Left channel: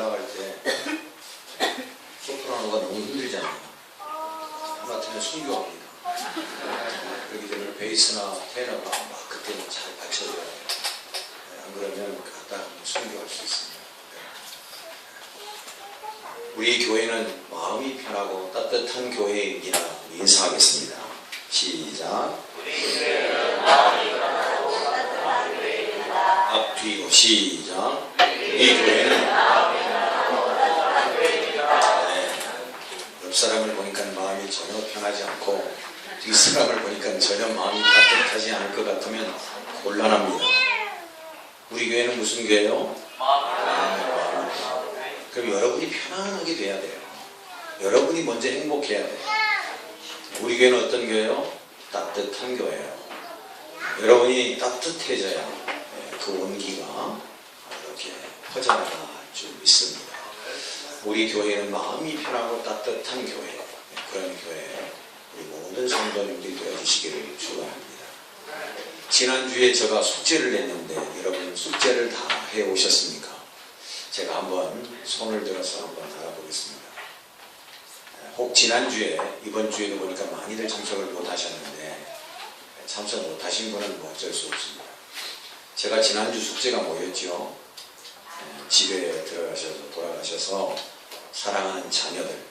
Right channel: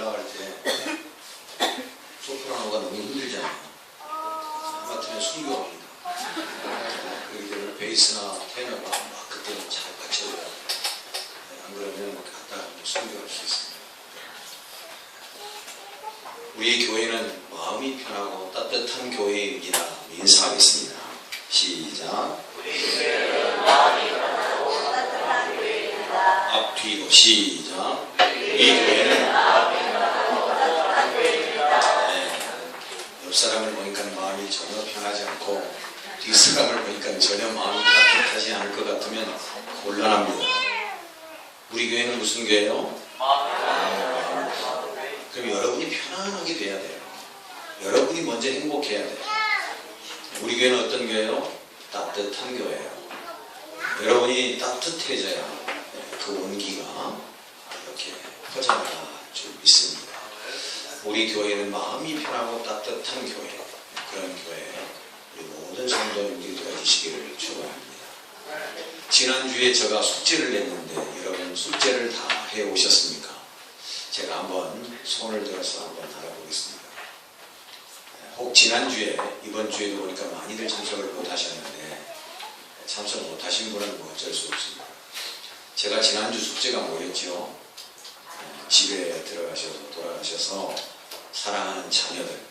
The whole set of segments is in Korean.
올라갈 때 소프라노가 너무 힘들잖아요. 하마터면 숨겨옵니다. 그렇기 때문에 베이스나 테너가 막 그때는 잘 받쳐줘야 돼요. 안 그러면 갖다 숨겨갈 수 있습니다. 우리 교회는 마음이 편하고 따뜻한 교회이라 인사하겠습니다. 시작. 앞뒤로 시작. 이 교회는 옆 사람을 보니까 마음이 전혀 편하지 않고 뒷 사람을 보니까 전혀 마음이 따뜻하지 않을 것 같으면 곤란합니다. 우리 교회는 무슨 교회요? 그럼 여러분이 편안하게 돼야 돼요. 여러분이 먼저 행복해야 돼요. 우리 교회는 어떤 교회요? 따뜻한 교회예요. 여러분이 따뜻해져야 그 온기가 이렇게 퍼져나갈 줄 믿습니다. 우리 교회는 마음이 편하고 따뜻한 교회, 그런 교회, 우리 모든 성도님들이 들어주시기를 축원합니다. 지난주에 제가 숙제를 냈는데 여러분 숙제를 다 해오셨습니까? 제가 한번 손을 들어서 한번 알아보겠습니다. 혹 지난주에 이번 주에도 보니까 많이들 참석을 못하셨는데 참석 못하신 분은 뭐 어쩔 수 없습니다. 제가 지난주 숙제가 뭐였죠? 집에 들어가셔서 돌아가셔서 사랑하는 자녀들,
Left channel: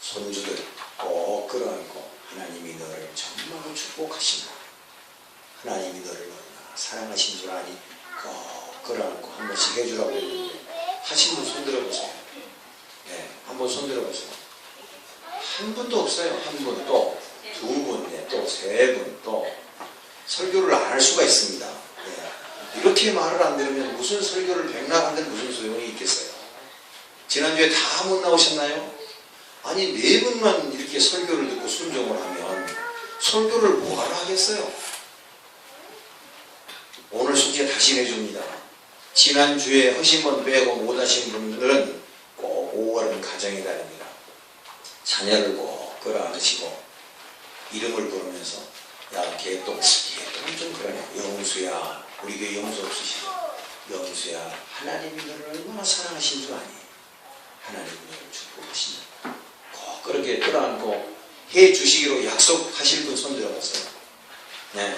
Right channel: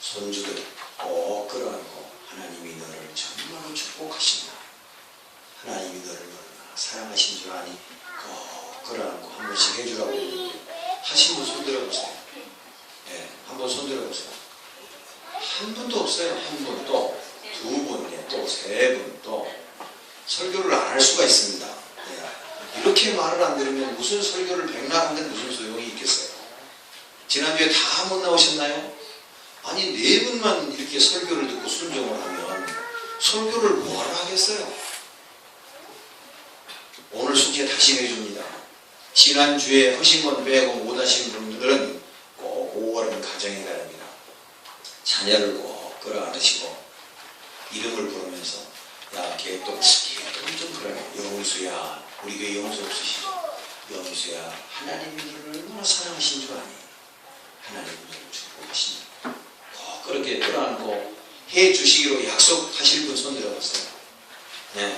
손주들 꼭 끌어안고 하나님이 너를 정말로 축복하신다. 하나님이 너를 얼마나 사랑하신 줄 아니? 꼭 끌어안고 한 번씩 해주라고 했는데 하신 분 손 들어보세요. 네, 한번 손 들어보세요. 한 분도 없어요. 한 분, 또 두 분, 또 세 분, 또 설교를 안 할 수가 있습니다. 네. 이렇게 말을 안 들으면 무슨 설교를 백날 하는데 무슨 소용이 있겠어요? 지난주에 다 못 나오셨나요? 아니 네 분만 이렇게 설교를 듣고 순종을 하면 설교를 뭐하러 하겠어요? 오늘 숙제 다시 내줍니다. 지난주에 하신 건 빼고 못 하신 분들은 꼭 5월은 가정의 달입니다. 자녀를 꼭 끌어안으시고 이름을 부르면서 야, 걔 또 좀 그러네. 영수야, 우리 교회 영수 없으시죠? 영수야, 하나님이 너를 얼마나 사랑하신 줄 아니? 하나님이 너를 축복하신다. 꼭 그렇게 끌어안고 해 주시기로 약속하실 분 손 들어봤어요. 네.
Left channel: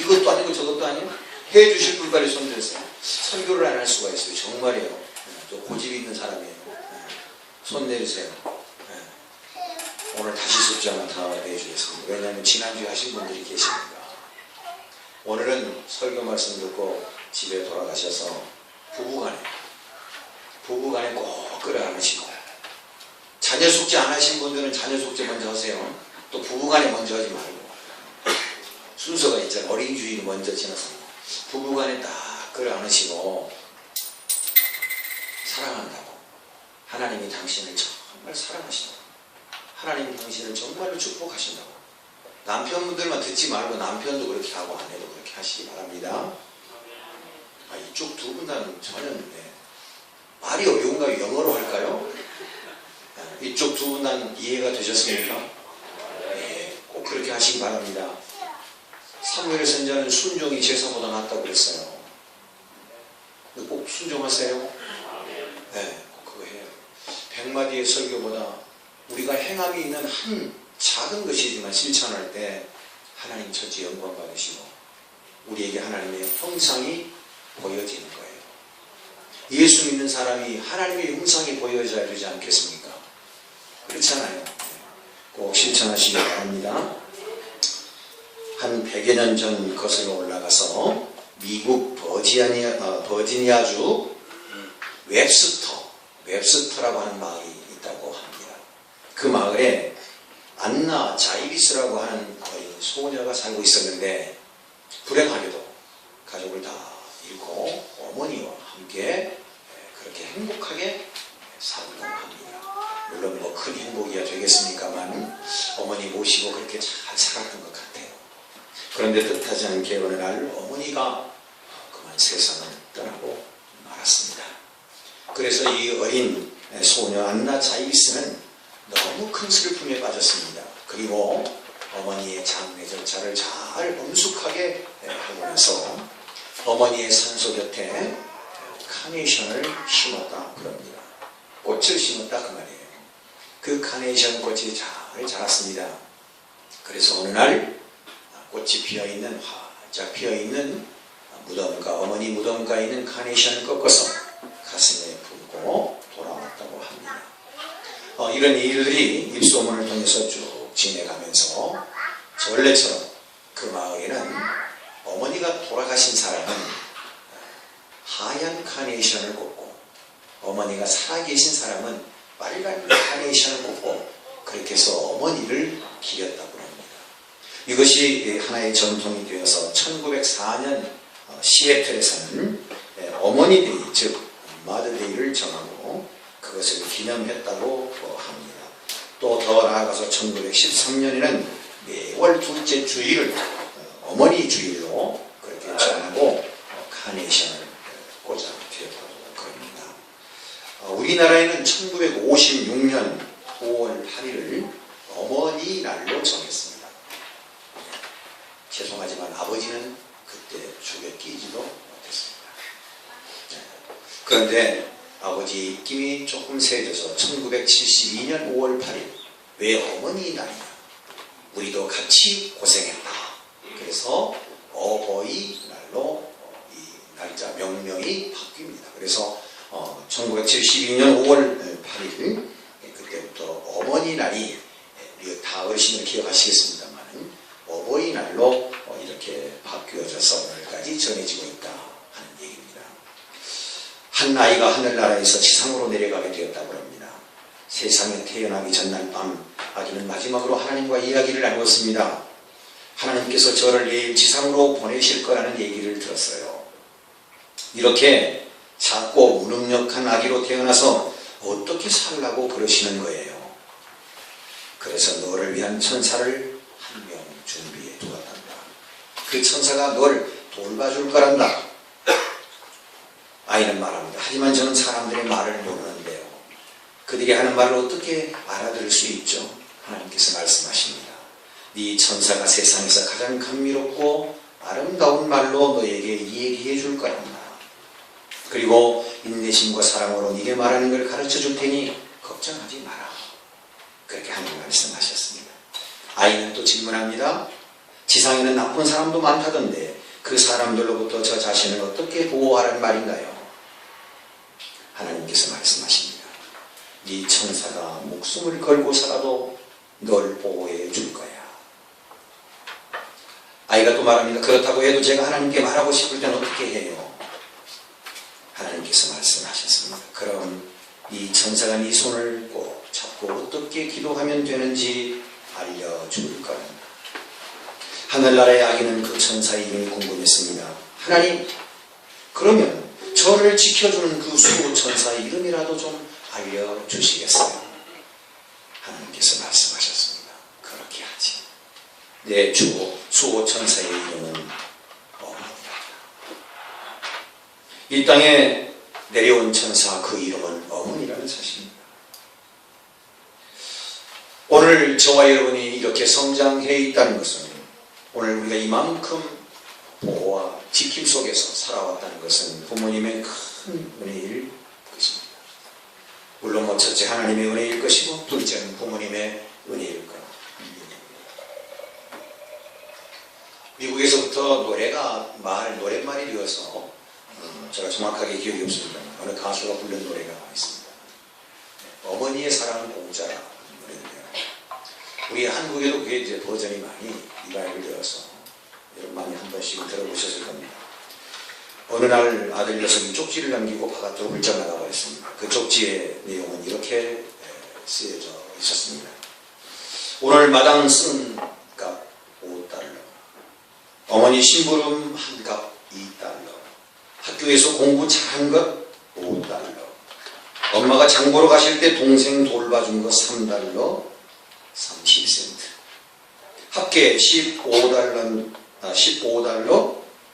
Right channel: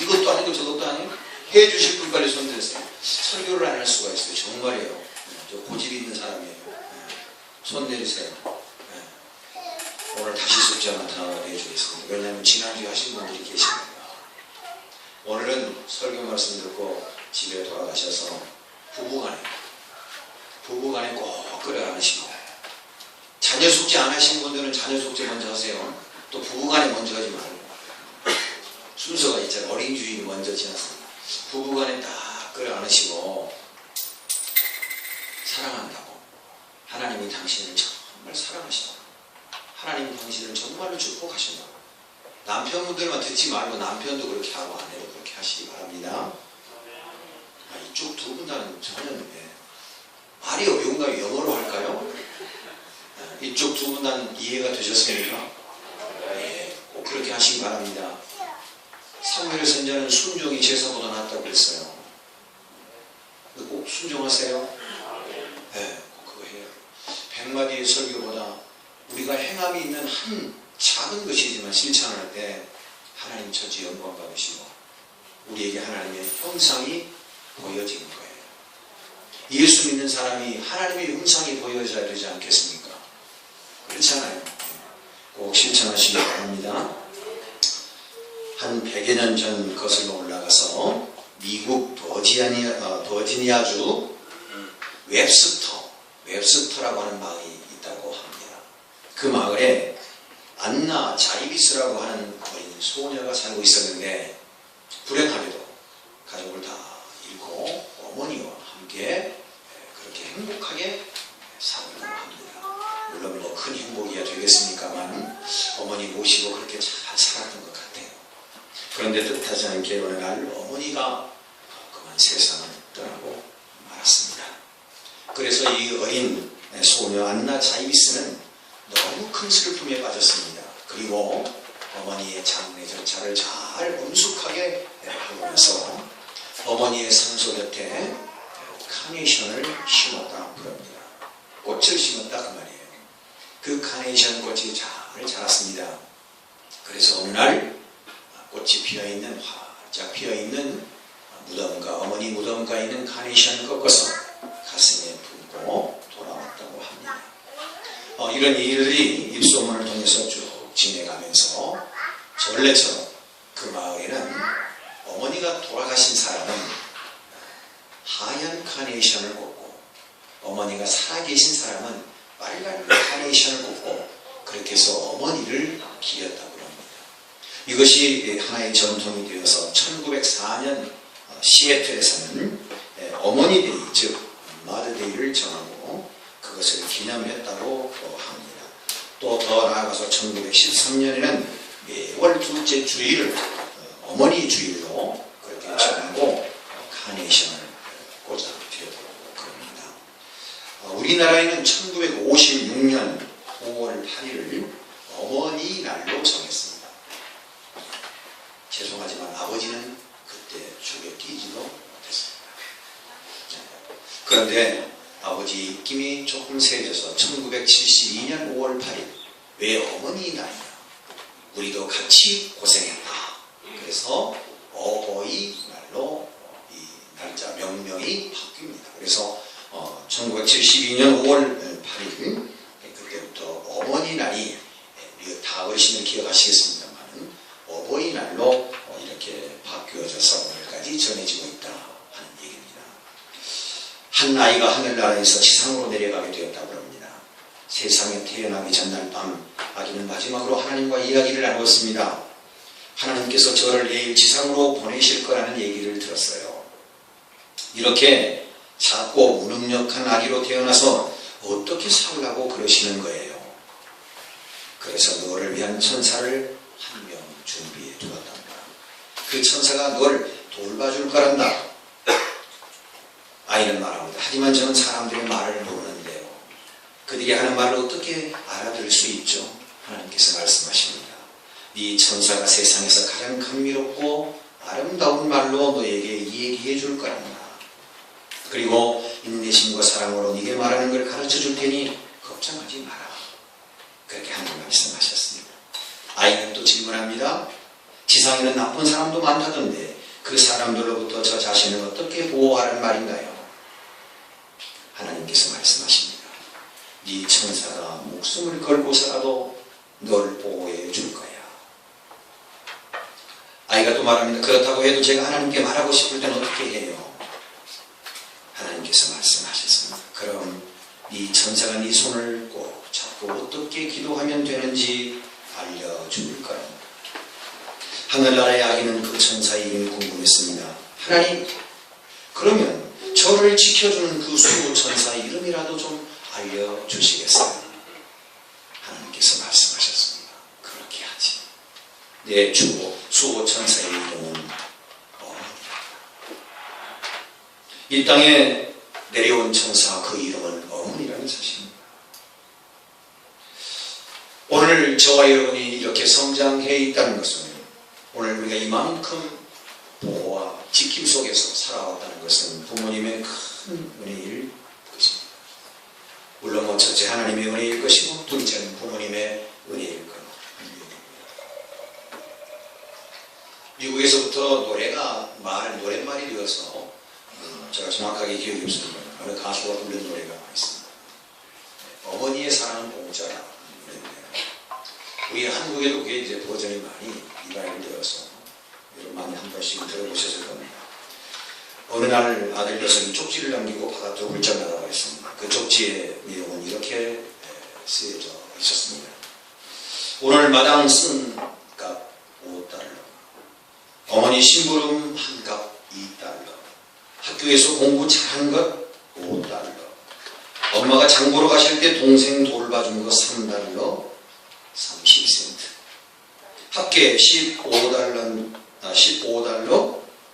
이것도 아니고 저것도 아니고 해 주실 분 빨리 손 들으세요. 설교를 안 할 수가 있어요. 정말이에요. 네. 저 고집 있는 사람이에요. 네. 손 내리세요. 네. 오늘 다시 숙제 하나 다 내주겠습니다. 왜냐하면 지난주에 하신 분들이 계십니다. 오늘은 설교 말씀 듣고 집에 돌아가셔서 부부간에 꼭 끌어안으시고 자녀 숙제 안 하신 분들은 자녀 숙제 먼저 하세요. 또 부부간에 먼저 하지 말고 순서가 있잖아요. 어린 주일이 먼저 지났습니다. 부부간에 딱 끌어안으시고 사랑한다고 하나님이 당신을 정말 사랑하신다고 하나님이 당신을 정말로 축복하신다고 남편분들만 듣지 말고 남편도 그렇게 하고 아내도 그렇게 하시기 바랍니다. 이쪽 두 분 다는 전혀 말이 어려운가요? 영어로 할까요? 이쪽 두 분 다는 이해가 되셨습니까? 예, 꼭 그렇게 하시기 바랍니다. 사무엘 선지자는 순종이 제사보다 낫다고 그랬어요. 꼭 순종하세요. 네, 꼭 그거 해요. 100마디의 설교보다 우리가 행함이 있는 한 작은 것이지만 실천할 때 하나님 천지 영광 받으시고 우리에게 하나님의 형상이 보여지는 거예요. 예수 믿는 사람이 하나님의 형상이 보여져야 되지 않겠습니까? 그렇잖아요. 꼭 실천하시기 바랍니다. 한 100여 년 전 거슬러 올라가서 미국 버지니아주 웹스터라고 하는 마을이 있다고 합니다. 그 마을에 안나 자이비스라고 하는 어린 소녀가 살고 있었는데 불행하게도 가족을 다 잃고 어머니와 함께 그렇게 행복하게 살고 합니다. 물론 뭐 큰 행복이야 되겠습니까만 어머니 모시고 그렇게 잘 살았던 것 같아요. 그런데 뜻하지 않게 어느 날 어머니가 그만 세상을 떠나고 말았습니다. 그래서 이 어린 소녀 안나 자이비스는 너무 큰 슬픔에 빠졌습니다. 그리고 어머니의 장례 절차를 잘 엄숙하게 하고 나서 어머니의 산소 곁에 카네이션을 심었다 그럽니다. 꽃을 심었다 그 말이에요. 그 카네이션 꽃이 잘 자랐습니다. 그래서 어느 날 꽃이 피어있는 활짝 피어있는 무덤가, 어머니 무덤가에 있는 카네이션을 꺾어서 가슴에 품고 돌아왔다고 합니다. 이런 일들이 입소문을 통해서 쭉 지내가면서 전례처럼 그 마을에는 어머니가 돌아가신 사람은 하얀 카네이션을 꽂고 어머니가 살아계신 사람은 빨간 카네이션을 꽂고 그렇게 해서 어머니를 기렸다고 합니다. 이것이 하나의 전통이 되어서 1904년 시애틀에서는 어머니 데이, 즉 마더데이를 정하고 그것을 기념했다고 합니다. 또 더 나아가서 1913년에는 매월 둘째 주일을 어머니 주일로 그렇게 정하고 카네이션을 꽂아 드렸다고 그럽니다. 우리나라에는 1956년 5월 8일을 어머니 날로 정했습니다. 죄송하지만 아버지는 그때 죽에 끼지도 못했습니다. 그런데 아버지 입김이 조금 세져서 1972년 5월 8일 왜 어머니 날이냐? 우리도 같이 고생했다. 그래서 어버이 날로 이 날짜 명명이 바뀝니다. 그래서 1972년 5월 8일 그때부터 어머니 날이 다 어르신을 기억하시겠습니다만 어버이날로 이렇게 바뀌어져서 오늘까지 전해지고 있다 하는 얘기입니다. 한 아이가 하늘나라에서 지상으로 내려가게 되었다고 합니다. 세상에 태어나기 전날 밤 아기는 마지막으로 하나님과 이야기를 나누었습니다. 하나님께서 저를 내일 지상으로 보내실 거라는 얘기를 들었어요. 이렇게 작고 무능력한 아기로 태어나서 어떻게 살라고 그러시는 거예요. 그래서 너를 위한 천사를 한 명 준비해 두었단다. 그 천사가 너를 돌봐줄 거란다. 아이는 말합니다. 하지만 저는 사람들의 말을 모르는데요. 그들이 하는 말을 어떻게 알아들을 수 있죠? 하나님께서 말씀하십니다. 네 천사가 세상에서 가장 감미롭고 아름다운 말로 너에게 얘기해 줄 거란다. 그리고 인내심과 사랑으로 네게 말하는 걸 가르쳐 줄 테니 걱정하지 마라. 그렇게 하나님 말씀하셨습니다. 아이는 또 질문합니다. 지상에는 나쁜 사람도 많다던데 그 사람들로부터 저 자신을 어떻게 보호하라는 말인가요? 하나님께서 말씀하십니다. 네 천사가 목숨을 걸고서라도 널 보호해 줄 거야. 아이가 또 말합니다. 그렇다고 해도 제가 하나님께 말하고 싶을 때는 어떻게 해요? 하나님께서 말씀하셨습니다. 그럼 이 천사가 네 손을 꼭 잡고 어떻게 기도하면 되는지 알려줄 거랍니다. 하늘나라의 아기는 그 천사의 이름이 궁금했습니다. 하나님, 그러면 저를 지켜주는 그 수호 천사의 이름이라도 좀 알려주시겠어요? 하나님께서 말씀하셨습니다. 그렇게 하지. 내 수호 천사의 이름은 어머니라. 이 땅에 내려온 천사 그 이름은 어머니라는 사실입니다. 오늘 저와 여러분이 이렇게 성장해 있다는 것은 오늘 우리가 이만큼 보호와 지킴 속에서 살아왔다는 것은 부모님의 큰 은혜일 것입니다. 물론 첫째 하나님의 은혜일 것이고 둘째는 부모님의 은혜일 것. 미국에서부터 노래가 노랫말이 되어서 제가 정확하게 기억이 없습니다. 어느 가수가 부른 노래가 있습니다. 어머니의 사랑은 공짜라 노래인데요. 우리 한국에도 그게 이제 버전이 많이 리바이벌 되어서 여러분 많이 한 번씩 들어보셨을 겁니다. 어느 날 아들 녀석이 쪽지를 남기고 바깥으로 훌쩍 나가버렸습니다. 그 쪽지의 내용은 이렇게 쓰여져 있었습니다. 오늘 마당 쓴 값 5달러, 어머니 심부름 한 값 2달러, 학교에서 공부 잘한 것 5달러, 엄마가 장 보러 가실 때 동생 돌봐준 거 3달러 30센트, 합계 15달러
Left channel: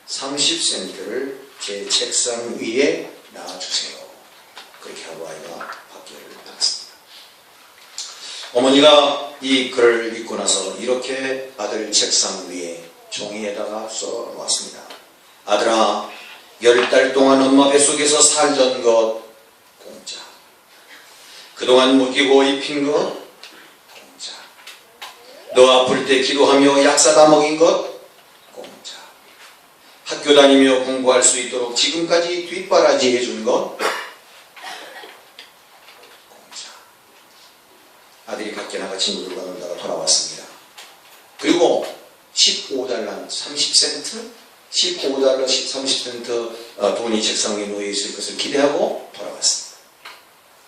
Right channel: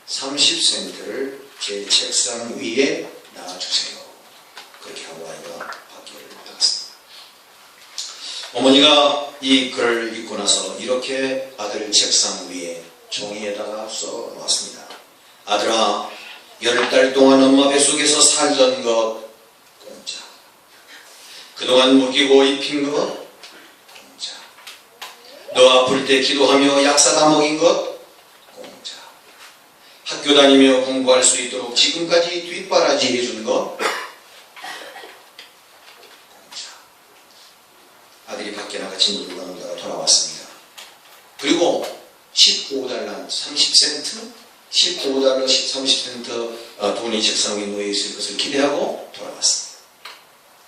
30센트를 제 책상 위에 놔주세요. 그렇게 하고 아이가 밖에를 나갔습니다. 어머니가 이 글을 읽고 나서 이렇게 아들 책상 위에 종이에다가 써 놓았습니다. 아들아, 10달 동안 엄마 뱃속에서 살던 것 공짜. 그동안 먹이고 입힌 것 공짜. 너 아플 때 기도하며 약 사다 먹인 것 공짜. 학교 다니며 공부할 수 있도록 지금까지 뒷바라지 해준 것 공짜. 아들이 밖에 나가 친구들과 놀다가 돌아왔습니다. 그리고 15달러 30센트 15달러 30센트 돈이 책상 위에 놓여 있을 것을 기대하고 돌아왔습니다.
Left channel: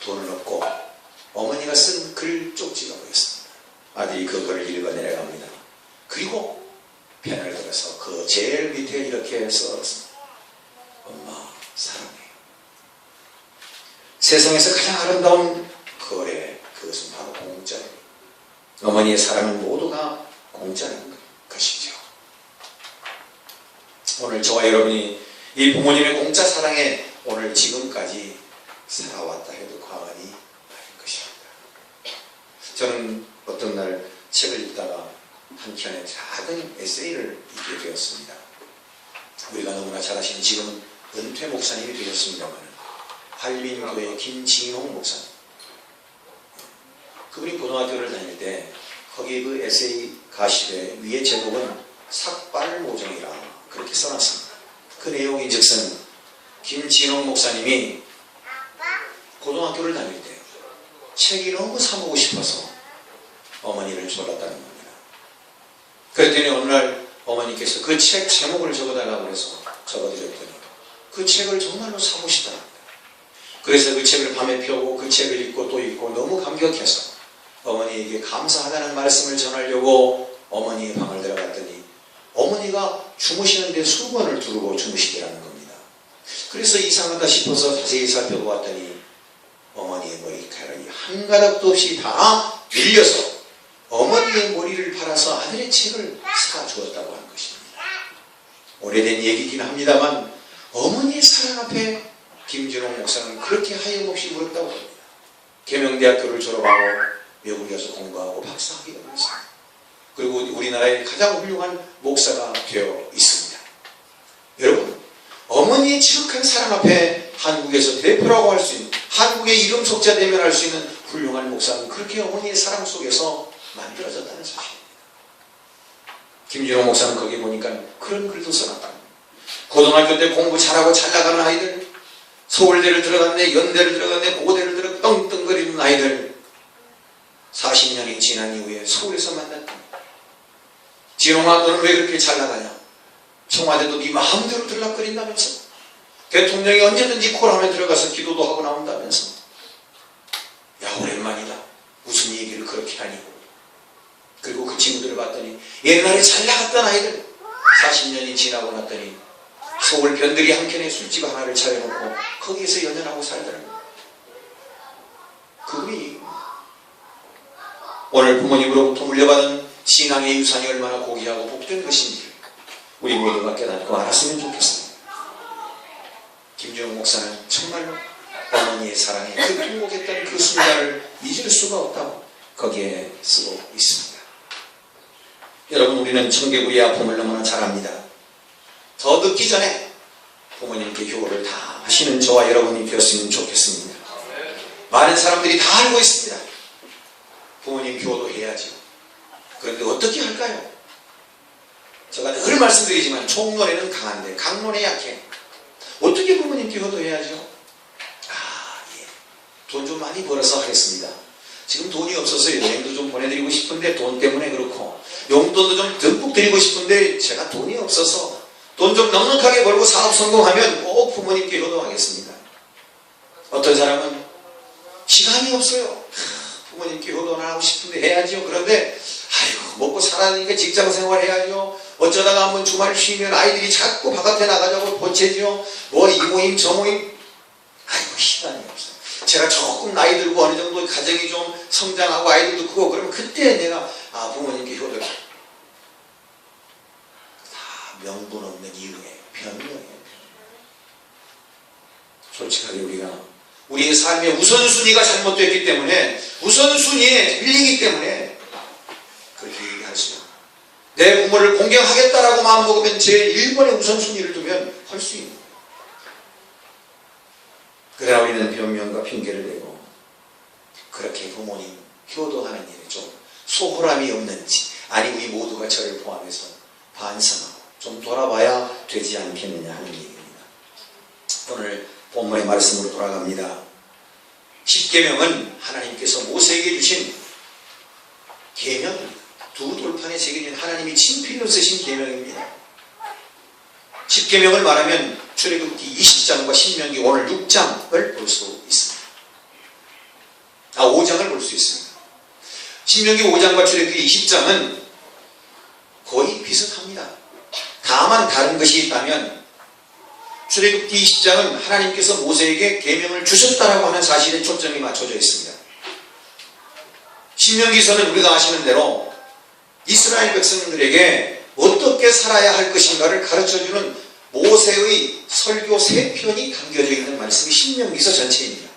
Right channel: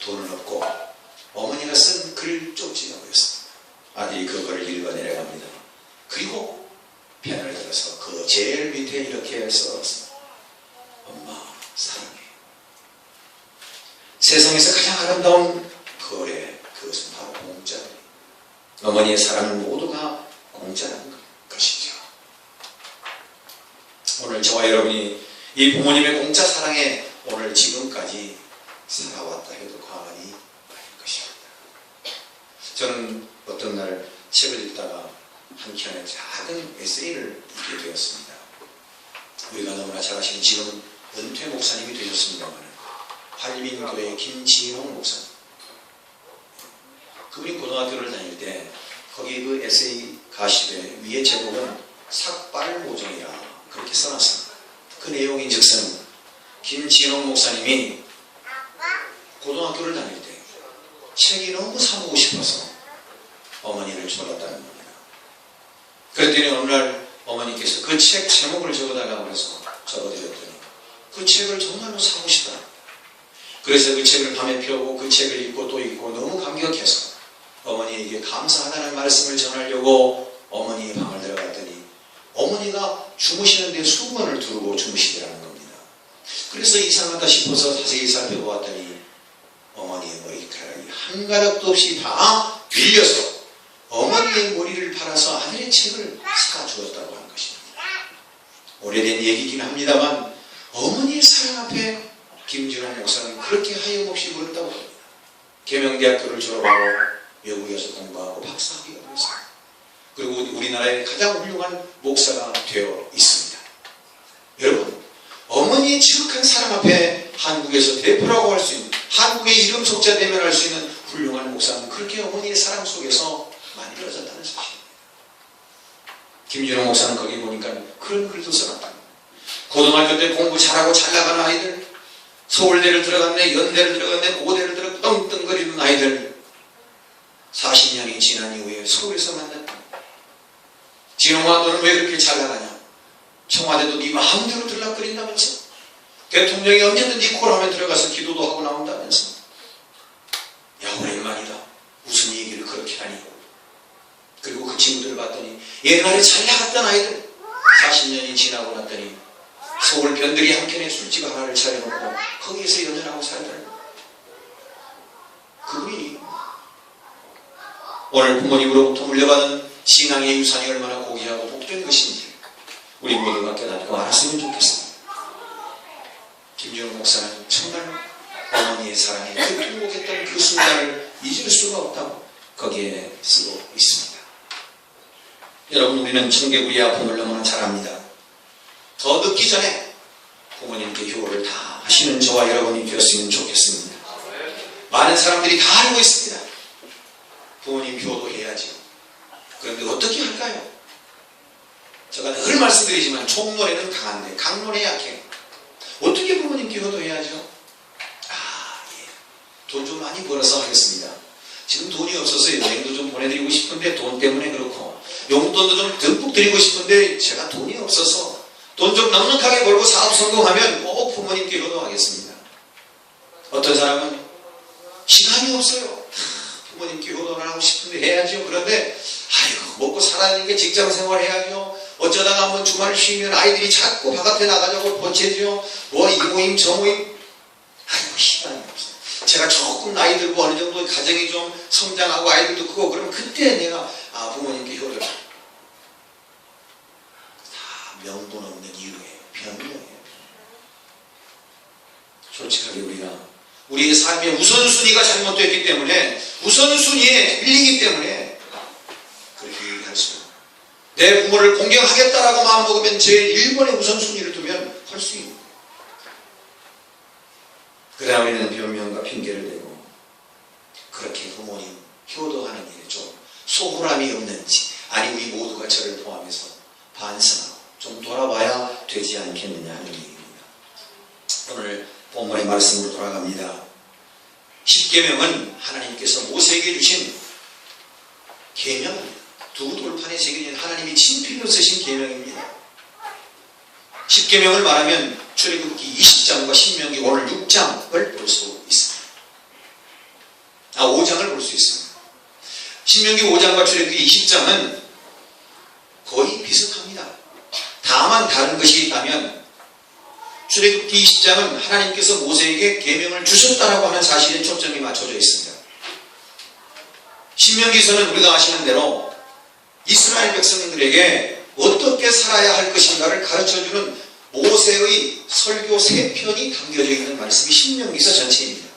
돈을 얻고 어머니가 쓴 글 쪽지가 보였습니다. 아들이 그 글을 읽어 내려갑니다. 그리고 펜을 들어서 그 제일 밑에 이렇게 써왔습니다. 엄마 사랑해. 세상에서 가장 아름다운 거래, 그것은 바로 공짜입니다. 어머니의 사랑은 모두가 공짜라는 것이죠. 오늘 저와 여러분이 이 부모님의 공짜 사랑에 오늘 지금까지 살아왔다 해도 과언이 아닐 것입니다. 저는 어떤 날 책을 읽다가 한 편의 작은 에세이를 읽게 되었습니다. 우리가 너무나 잘 아시는 지금은 은퇴 목사님이 되셨습니다만 한림교회 김진홍 목사님. 그분이 고등학교를 다닐 때 거기 그 에세이 가십의 위의 제목은 삭발모정이라 그렇게 써놨습니다. 그 내용인즉슨 김진홍 목사님이 고등학교를 다닐 때 책이 너무 사보고 싶어서 어머니를 졸랐다는 겁니다. 그랬더니 어느 날 어머니께서 그 책 제목을 적어달라고 해서 적어드렸더니 그 책을 정말로 사고 싶더랍니다. 그래서 그 책을 밤에 펴고 그 책을 읽고 또 읽고 너무 감격해서 어머니에게 감사하다는 말씀을 전하려고 어머니의 방을 들어갔더니 어머니가 주무시는데 수건을 두르고 주무시더라는 겁니다. 그래서 이상하다 싶어서 자세히 살펴보았더니 어머니의 머리카락이 한 가닥도 없이 다 밀려서 어머니의 머리를 팔아서 아들의 책을 사주었다고 한 것입니다. 오래된 얘기긴 합니다만 어머니의 사랑 앞에 김진홍 목사는 그렇게 하염없이 울었다고 합니다. 계명대학교를 졸업하고 외국에서 공부하고 박사학위를 했습니다. 그리고 우리나라의 가장 훌륭한 목사가 되어 있습니다. 여러분, 어머니의 지극한 사랑 앞에 한국에서 대표라고 할 수 있는, 한국의 이름 속자 대면할 수 있는 훌륭한 목사는 그렇게 어머니의 사랑 속에서 만들어졌다는 사실입니다. 김진홍 목사는 거기 보니까 그런 글도 써놨다. 고등학교 때 공부 잘하고 잘 나가는 아이들, 서울대를 들어갔네, 연대를 들어갔네, 고대를 들어갔네, 떵떵거리는 아이들 40년이 지난 이후에 서울에서 만났다. 진홍아, 너는 왜 그렇게 잘 나가냐? 청와대도 네 마음대로 들락거린다면서? 대통령이 언제든지 콜하면 들어가서 기도도 하고 나온다면서? 야, 오랜만이다. 무슨 얘기를 그렇게 하니? 그리고 그 친구들을 봤더니 옛날에 잘 나갔던 아이들 40년이 지나고 났더니 서울 변들이 한켠에 술집 하나를 차려놓고 거기에서 연연하고 살더라고요. 그분이 오늘 부모님으로부터 물려받은 신앙의 유산이 얼마나 고귀하고 복된 것인지 우리 모두가 깨닫고 알았으면 좋겠습니다. 김진홍 목사는 정말로 어머니의 사랑에 그 통곡했던 그 순간을 잊을 수가 없다고 거기에 쓰고 있습니다. 여러분, 우리는 청개구리의 아픔을 너무나 잘 압니다. 더 늦기 전에 부모님께 효를 다 하시는 저와 여러분이 되었으면 좋겠습니다. 많은 사람들이 다 알고 있습니다. 부모님 효도 해야죠. 그런데 어떻게 할까요? 제가 늘 말씀드리지만 총론에는 강한데 강론에 약해. 어떻게 부모님께 효도해야죠? 돈 좀 많이 벌어서 하겠습니다. 지금 돈이 없어서 여행도 좀 보내드리고 싶은데 돈 때문에 그렇고, 용돈도 좀 듬뿍 드리고 싶은데 제가 돈이 없어서 돈 좀 넉넉하게 벌고 사업 성공하면 꼭 부모님께 효도하겠습니다. 어떤 사람은 시간이 없어요. 부모님께 효도를 하고 싶은데 해야죠. 그런데 아이고, 먹고 살아야 되니까 직장 생활 해야죠. 어쩌다가 한번 주말 쉬면 아이들이 자꾸 바깥에 나가자고 보채죠. 뭐 이 모임 저 모임. 아이고, 시간이 없어요. 제가 조금 나이 들고 어느 정도 가정이 좀 성장하고 아이들도 크고 그러면 그때 내가 부모님께 효도를. 다 명분 없는 이유예요. 변명이에요. 솔직하게 우리의 삶의 우선순위가 잘못됐기 때문에, 우선순위에 밀리기 때문에 그렇게 얘기할 수 있어요. 내 부모를 공경하겠다라고 마음먹으면 제 1번의 우선순위를 두면 할 수 있는 거예요. 그러나 우리는 변명과 핑계를 대고 그렇게 부모님 효도하는 일에 좀 소홀함이 없는지, 아니 우리 모두가 저를 포함해서 반성하고 좀 돌아봐야 되지 않겠느냐 하는 얘기입니다. 오늘 본문의 말씀으로 돌아갑니다. 십계명은 하나님께서 모세에게 주신 계명입니다. 두 돌판에 새겨진 하나님이 친필로 쓰신 계명입니다. 십계명을 말하면 출애굽기 20장과 신명기 오늘 6장을 볼 수 있습니다. 5장을 볼 수 있습니다. 신명기 5장과 출애굽기 20장은 거의 비슷합니다. 다만 다른 것이 있다면 출애굽기 20장은 하나님께서 모세에게 계명을 주셨다라고 하는 사실에 초점이 맞춰져 있습니다. 신명기서는 우리가 아시는 대로 이스라엘 백성들에게 어떻게 살아야 할 것인가를 가르쳐주는 모세의 설교 3편이 담겨져 있는 말씀이 신명기서 전체입니다.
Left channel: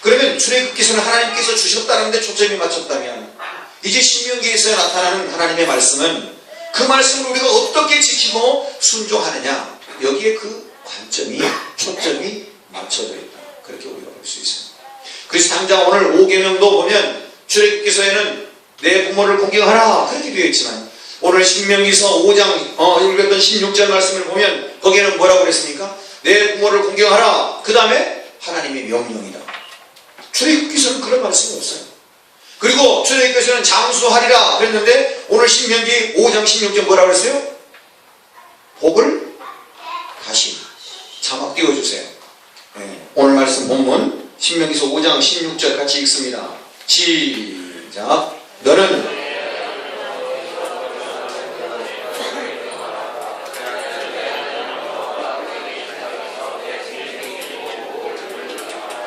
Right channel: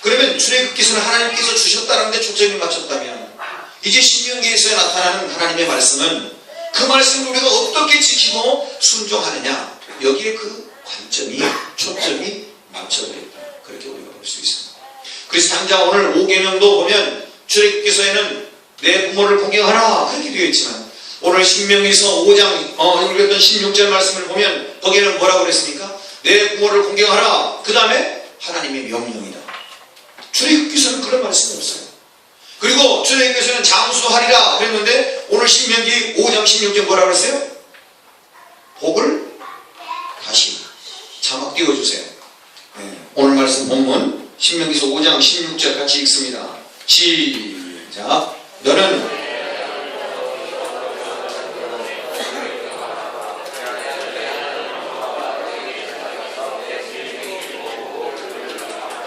그러면 출애굽기서는 하나님께서 주셨다는 데 초점이 맞췄다면 이제 신명기에서 나타나는 하나님의 말씀은 그 말씀을 우리가 어떻게 지키고 순종하느냐, 여기에 그 관점이, 초점이 맞춰져 있다. 그렇게 우리가 볼 수 있습니다. 그래서 당장 오늘 5계명도 보면 출애굽기서에는 내 부모를 공경하라 그렇게 되어 있지만 오늘 신명기서 5장 읽었던 16절 말씀을 보면 거기에는 뭐라고 그랬습니까? 내 부모를 공경하라. 그 다음에 하나님의 명령이다. 출애굽기서는 그런 말씀이 없어요. 그리고 출애굽기서는 장수하리라 그랬는데 오늘 신명기 5장 16절 뭐라고 그랬어요? 복을 다시 자막 띄워주세요. 오늘 말씀 본문 신명기서 5장 16절 같이 읽습니다. 시작. 너는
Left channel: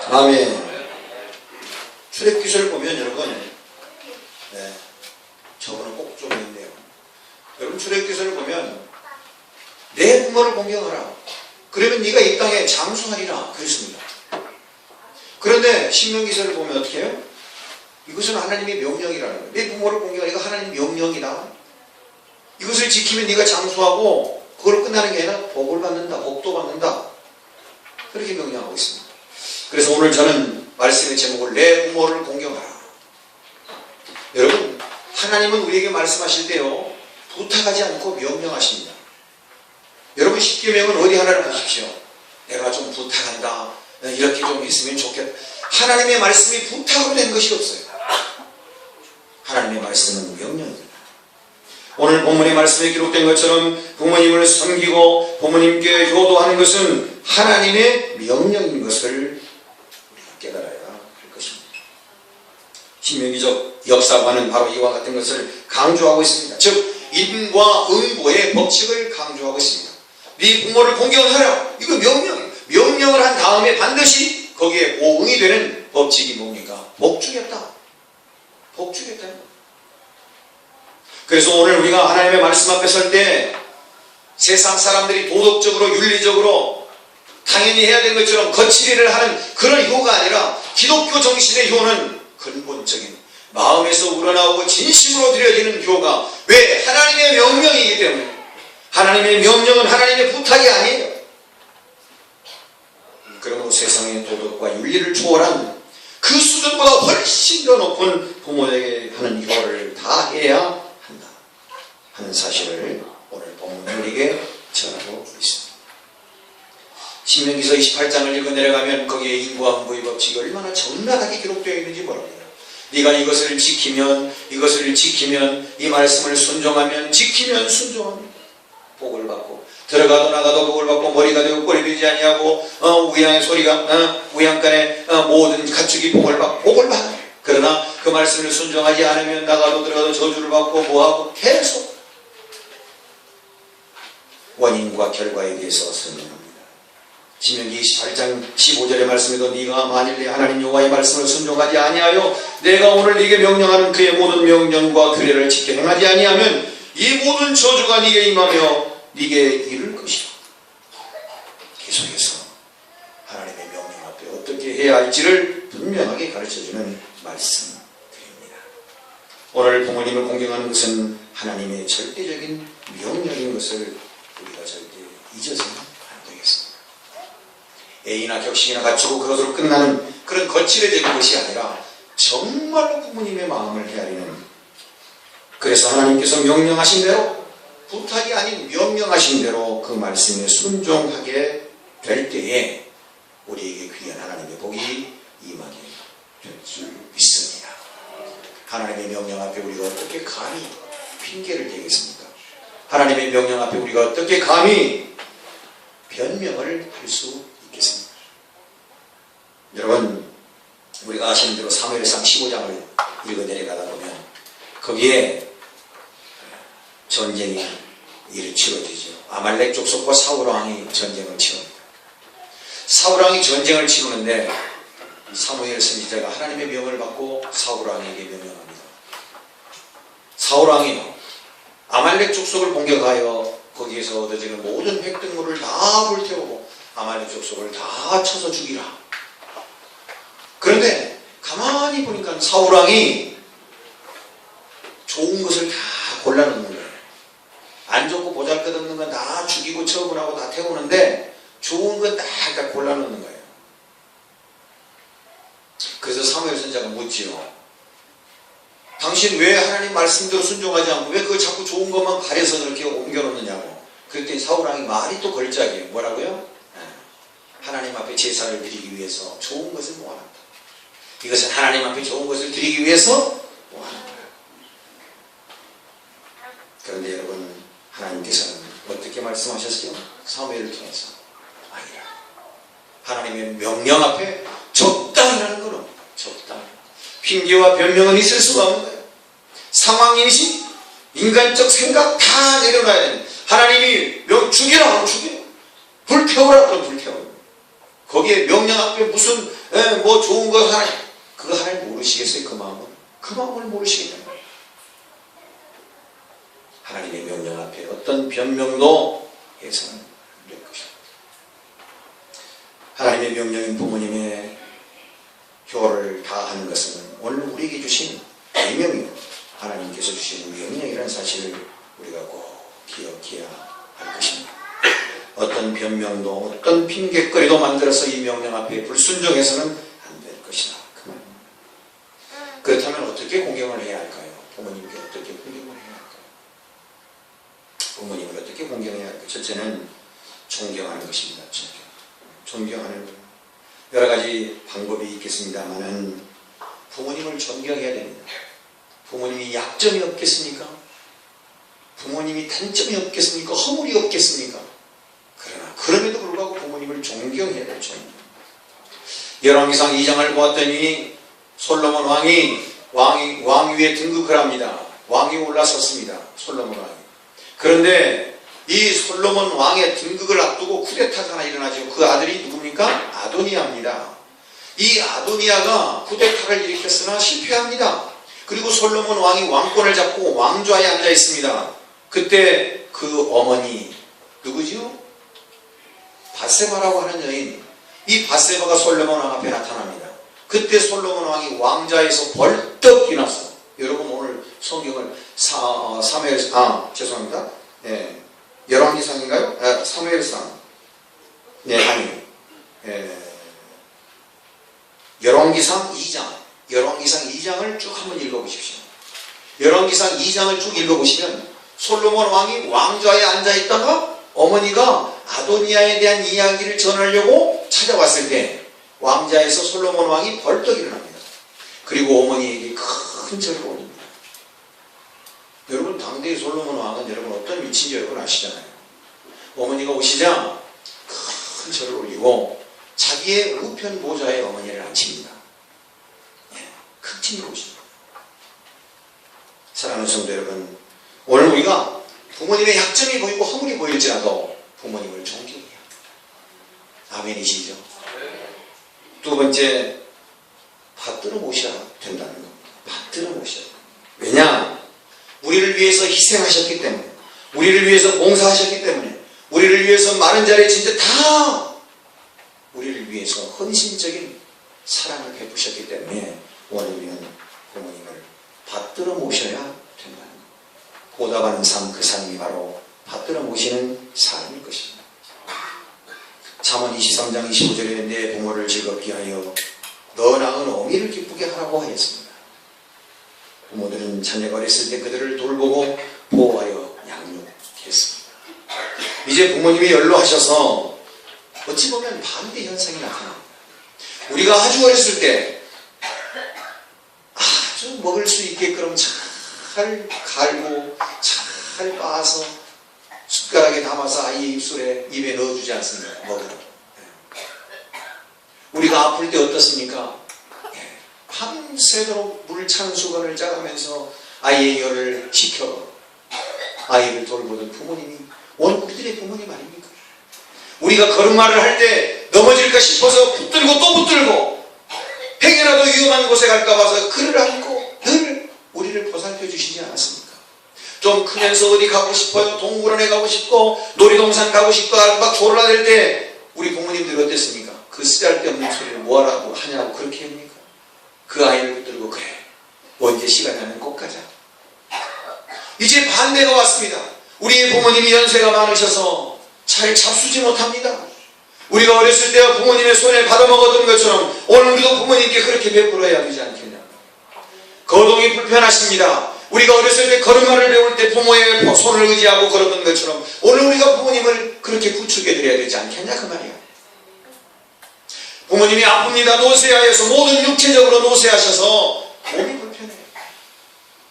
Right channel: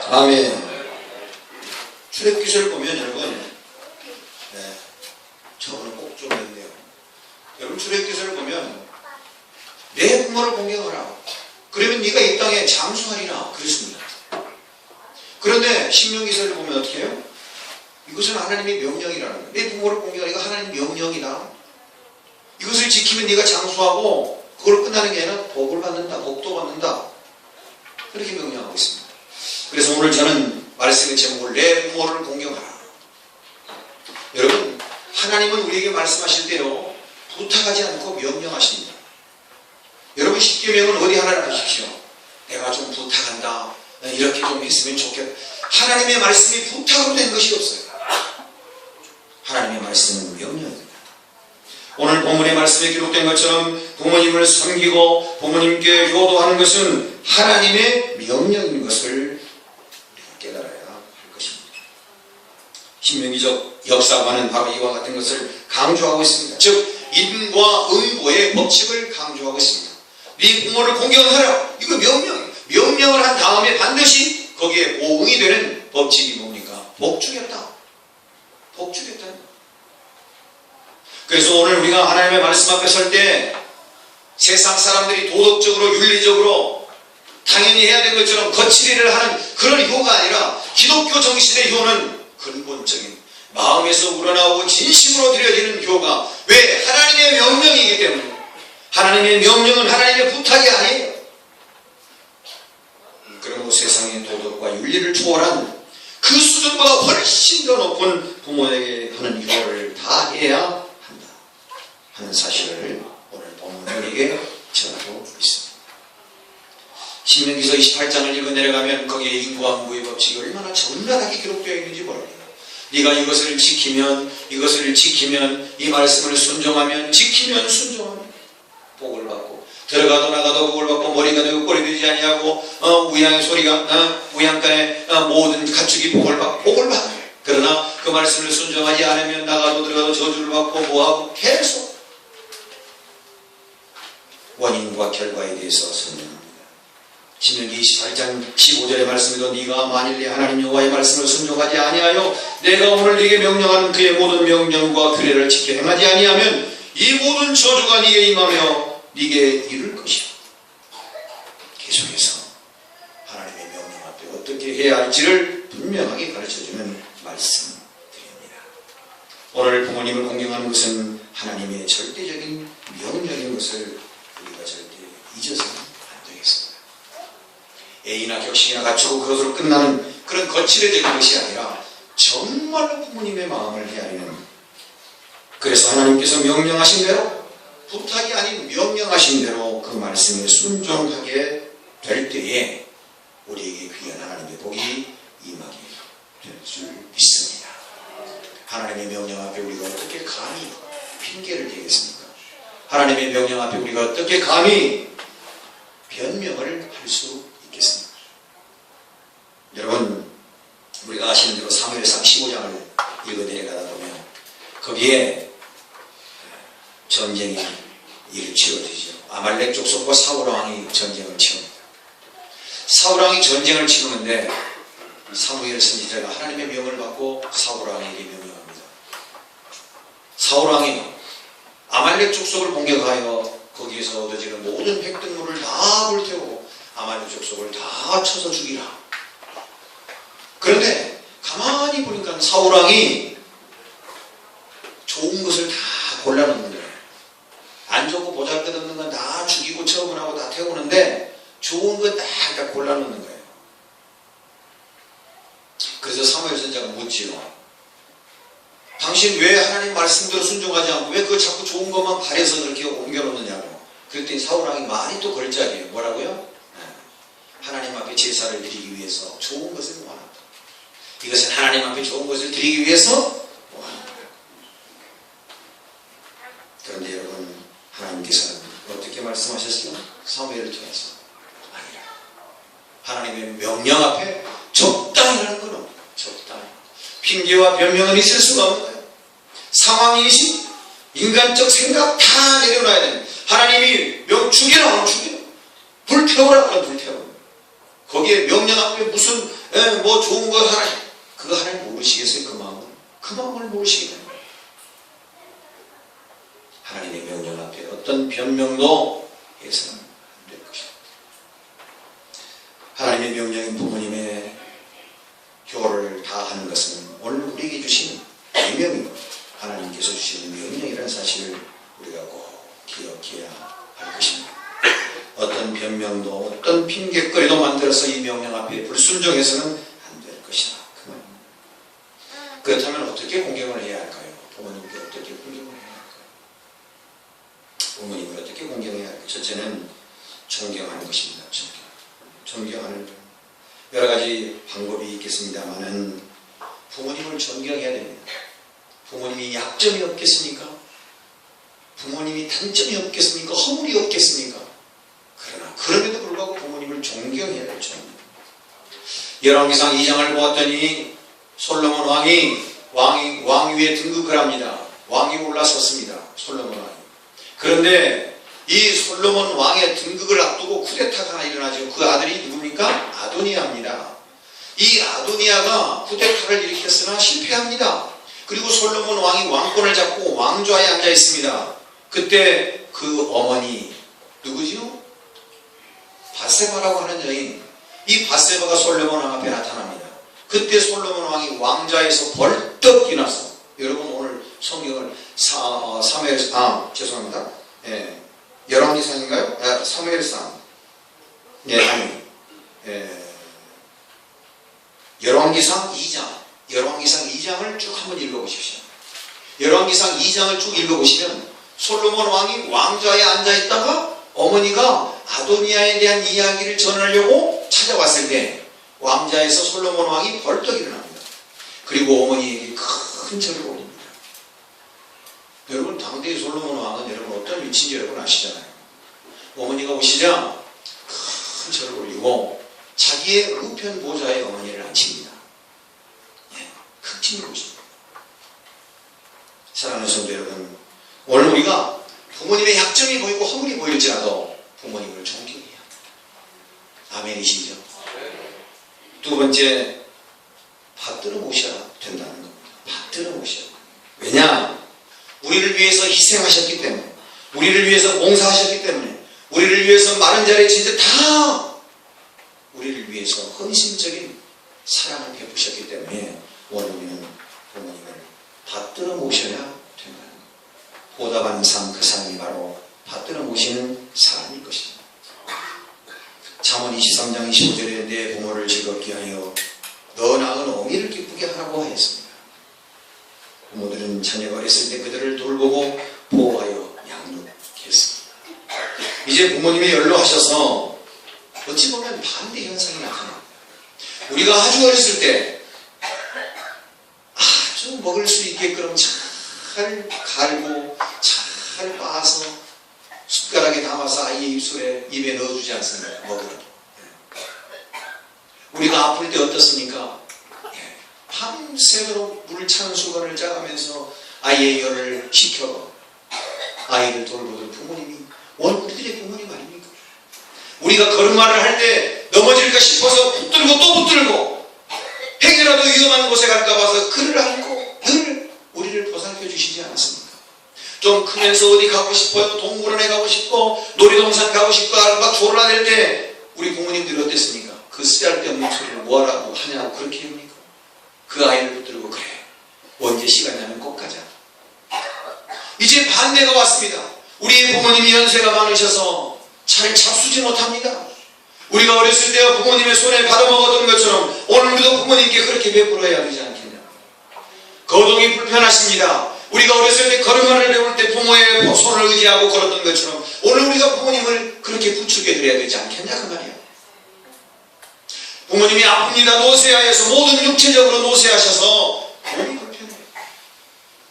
아멘. 출애굽기서를 보면 여러분, 저거는 꼭 좀 있네요. 여러분 출애굽기서를 보면 내 부모를 공경하라. 그러면 네가 이 땅에 장수하리라 그랬습니다. 그런데 신명기서를 보면 어떻게 해요? 이것은 하나님의 명령이라는 거예요. 내 부모를 공경하라. 이거 하나님 명령이다. 이것을 지키면 네가 장수하고 그걸로 끝나는 게 아니라 복을 받는다. 복도 받는다. 그렇게 명령하고 있습니다. 그래서 오늘 저는 말씀의 제목을 내 부모를 공경하라. 여러분, 하나님은 우리에게 말씀하실 때요, 부탁하지 않고 명령하십니다. 여러분, 십계명은 어디 하나를 하십시오. 내가 좀 부탁한다. 이렇게 좀 했으면 좋겠다. 하나님의 말씀이 부탁으로 된 것이 없어요. 하나님의 말씀은 명령입니다. 오늘 본문의 말씀에 기록된 것처럼 부모님을 섬기고 부모님께 효도하는 것은 하나님의 명령인 것을 깨달아야 할 것입니다. 신명기적 역사관은 바로 이와 같은 것을 강조하고 있습니다. 즉 인과 응보의 법칙을 강조하고 있습니다. 네 부모를 공경하라. 이거 명령이에요. 명령을 한 다음에 반드시 거기에 오응이 되는 법칙이 뭡니까? 복 주겠다. 복 주겠다. 그래서 오늘 우리가 하나님의 말씀 앞에 설 때 세상 사람들이 도덕적으로 윤리적으로 당연히 해야 되는 것처럼 거칠이를 하는 그런 효가 아니라 기독교 정신의 효는 근본적인 마음에서 우러나오고 진심으로 드려지는 효가, 왜? 하나님의 명령이기 때문에. 하나님의 명령은 하나님의 부탁이 아니에요. 그러므로 세상의 도덕과 윤리를 초월한 그 수준보다 훨씬 더 높은 부모에게 하는 효를 다 해야 한다 하는 사실을 오늘 본문 우리에게 전하고 있습니다. 신명기서 28장을 읽어 내려가면 거기에 인과 응보의 법칙이 얼마나 적나라하게 기록되어 있는지 모릅니다. 네가 이것을 지키면 이 말씀을 순종하면 지키면 순종하면 복을 받고 들어가도 나가도 복을 받고 머리가 되고 꼴이 되지 아니하고 우양의 소리가 우양가의 모든 가축이 복을 받아요. 그러나 그 말씀을 순종하지 않으면 나가도 들어가도 저주를 받고 뭐하고 계속 원인과 결과에 대해서 설명합니다. 신명기 28장 15절의 말씀에도 네가 만일 내 하나님 여호와의 말씀을 순종하지 아니하여 내가 오늘 네게 명령하는 그의 모든 명령과 규례를 지켜 행하지 아니하면 이 모든 저주가 네게 임하며 네게 이를 것이다. 계속해서 하나님의 명령 앞에 어떻게 해야 할지를 분명하게 가르쳐주는 말씀입니다. 오늘 부모님을 공경하는 것은 하나님의 절대적인 명령인 것을 우리가 절대 잊어서는 안 되겠습니다. A나 격식이나 갖추고 그것으로 끝나는 그런 거칠어진 것이 아니라 정말로 부모님의 마음을 헤아리는, 그래서 하나님께서 명령하신 대로, 부탁이 아닌 명령하신 대로 그 말씀에 순종하게 될 때에 우리에게 귀한 하나님의 복이 임하게 될 줄 믿습니다. 하나님의 명령 앞에 우리가 어떻게 감히 핑계를 대겠습니까? 하나님의 명령 앞에 우리가 어떻게 감히 변명을 할 수 있겠습니까? 여러분, 우리가 아시는 대로 사무엘상 15장을 읽어 내려가다 보면 거기에 전쟁이 치러지죠. 아말렉 족속과 사울왕이 전쟁을 치릅니다. 사울왕이 전쟁을 치르는데 사무엘 선지자가 하나님의 명을 받고 사울왕에게 명령합니다. 사울왕이 아말렉 족속을 공격하여 거기에서 얻어지는 모든 획득물을 다 불태우고 아말렉 족속을 다 쳐서 죽이라. 그런데 가만히 보니까 사울왕이 좋은 것을 다 골라놓는 거예요. 안 좋고 보잘것없는 건 다 죽이고 처분하고 다 태우는데 좋은 건 다 골라놓는 거예요. 그래서 사무엘 선지자가 묻지요. 당신 왜 하나님 말씀대로 순종하지 않고 왜 그거 자꾸 좋은 것만 가려서 그렇게 옮겨놓느냐고. 그랬더니 사울왕이 말이 또 걸작이에요. 뭐라고요? 하나님 앞에 제사를 드리기 위해서 좋은 것을 모아놨다. 이것은 하나님 앞에 좋은 것을 드리기 위해서 모아놓은 거예요. 그런데 여러분, 하나님께서는 어떻게 말씀하셨어요? 사무엘을 통해서 아니라 하나님의 명령 앞에 적당이라는 건 적당. 핑계와 변명은 있을 수가 없는 거예요. 상황인식, 인간적 생각 다 내려놔야 됩니다. 하나님이 죽이라 하면 죽여, 불태우라 하면 불태워. 거기에 명령 앞에 무슨 뭐 좋은 거 하나, 그거 하나님 모르시겠어요? 그 마음을 모르시겠다는 거예요. 하나님의 명령 앞에 어떤 변명도 해서는 안 될 것이다. 하나님의 명령인 부모님의 교를 다 하는 것은 오늘 우리에게 주신 계명이고 하나님께서 주신 명령이라는 사실을 우리가 꼭 기억해야 할 것입니다. 어떤 변명도 어떤 핑계거리도 만들어서 이 명령 앞에 불순종해서는 안 될 것이다. 그 말입니다. 그렇다면 어떻게 공경을 해야 할까요? 부모님께 어떻게 공경을 해야 할까요? 부모님을 어떻게 공경해야 할까요? 첫째는 존경하는 것입니다. 존경하는 여러 가지 방법이 있겠습니다만은 부모님을 존경해야 됩니다. 부모님이 약점이 없겠습니까? 부모님이 단점이 없겠습니까? 허물이 없겠습니까? 그러나 그럼에도 불구하고 부모님을 존경해야 될 존경. 열왕기상 2장을 보았더니 솔로몬 왕이 위에 등극을 합니다. 왕이 올라섰습니다. 솔로몬 왕이. 그런데 이 솔로몬 왕의 등극을 앞두고 쿠데타가 하나 일어나죠. 그 아들이 누굽니까? 아도니아입니다. 이 아도니아가 쿠데타를 일으켰으나 실패합니다. 그리고 솔로몬 왕이 왕권을 잡고 왕좌에 앉아 있습니다. 그때 그 어머니 누구지요? 밧세바라고 하는 여인, 이 밧세바가 솔로몬 왕 앞에 나타납니다. 그때 솔로몬 왕이 왕좌에서 벌떡 일어나서, 여러분 오늘 성경을 죄송합니다. 열왕기상인가요? 사무엘상. 열왕기상 2장. 열왕기상 2장을 쭉 한번 읽어보십시오. 열왕기상 2장을 쭉 읽어보시면 솔로몬 왕이 왕좌에 앉아있다가 어머니가 아도니아에 대한 이야기를 전하려고 찾아왔을 때 왕좌에서 솔로몬 왕이 벌떡 일어납니다. 그리고 어머니에게 큰 절을 올립니다. 여러분, 당대의 솔로몬 왕은 여러분 어떤 위치인지 여러분 아시잖아요. 어머니가 오시자 큰 절을 올리고 자기의 우편 보좌에 어머니를 앉힙니다. 큰 침을 오십니다. 사랑하는 성도 여러분, 오늘 우리가 부모님의 약점이 보이고 허물이 보일지라도 부모님을 존경해야 합니다. 아멘이시죠? 두 번째, 받들어 모셔야 된다는 겁니다. 받들어 모셔야 됩니다. 왜냐? 우리를 위해서 희생하셨기 때문에, 우리를 위해서 봉사하셨기 때문에, 우리를 위해서 마른 자리에 진짜 다 우리를 위해서 헌신적인 사랑을 베푸셨기 때문에 오늘 우리는 부모님을 받들어 모셔야 된다는 겁니다. 보답하는 삶, 그 삶이 바로 받들어 모시는 삶일 것입니다. 잠언 23장 25절에 내 부모를 즐겁게 하여 너 낳은 어미를 기쁘게 하라고 하였습니다. 부모들은 자녀가 어렸을 때 그들을 돌보고 보호하여 양육했습니다. 이제 부모님이 연로하셔서 어찌 보면 반대 현상이 나타납니다. 우리가 아주 어렸을 때 아주 먹을 수 있게끔 잘 갈고 잘 빻아서 숟가락에 담아서 아이의 입에 넣어주지 않습니까? 먹으러. 우리가 아플 때 어떻습니까? 밤새도록 물 찬 수건을 짜가면서 아이의 열을 식혀 아이를 돌보던 부모님이 우리들의 부모님 아닙니까? 우리가 걸음마를 할 때 넘어질까 싶어서 붙들고 또 붙들고 행여라도 위험한 곳에 갈까 봐서 그를 안고 늘 우리를 보살펴 주시지 않았습니까? 좀 크면서 어디 가고 싶어요? 동물원에 가고 싶고 놀이동산 가고 싶고 막 졸라댈 때 우리 부모님들이 어땠습니까? 그 쓰잘데없는 소리를 뭐하라고 하냐고 그렇게 합니까? 그 아이를 붙들고 그래 언제 시간 나면 꼭 가자. 이제 반대가 왔습니다. 우리의 부모님이 연세가 많으셔서 잘 잡수지 못합니다. 우리가 어렸을 때와 부모님의 손에 받아먹었던 것처럼 오늘 우리도 부모님께 그렇게 베풀어야 되지 않겠냐. 거동이 불편하십니다. 우리가 어렸을 때 걸음마를 배울 때 부모의 손을 의지하고 걸었던 것처럼 오늘 우리가 부모님을 그렇게 부축해 드려야 되지 않겠냐 그 말이야. 부모님이 아픕니다. 노쇠하여서 모든 육체적으로 노쇠하셔서 몸이 불편해요.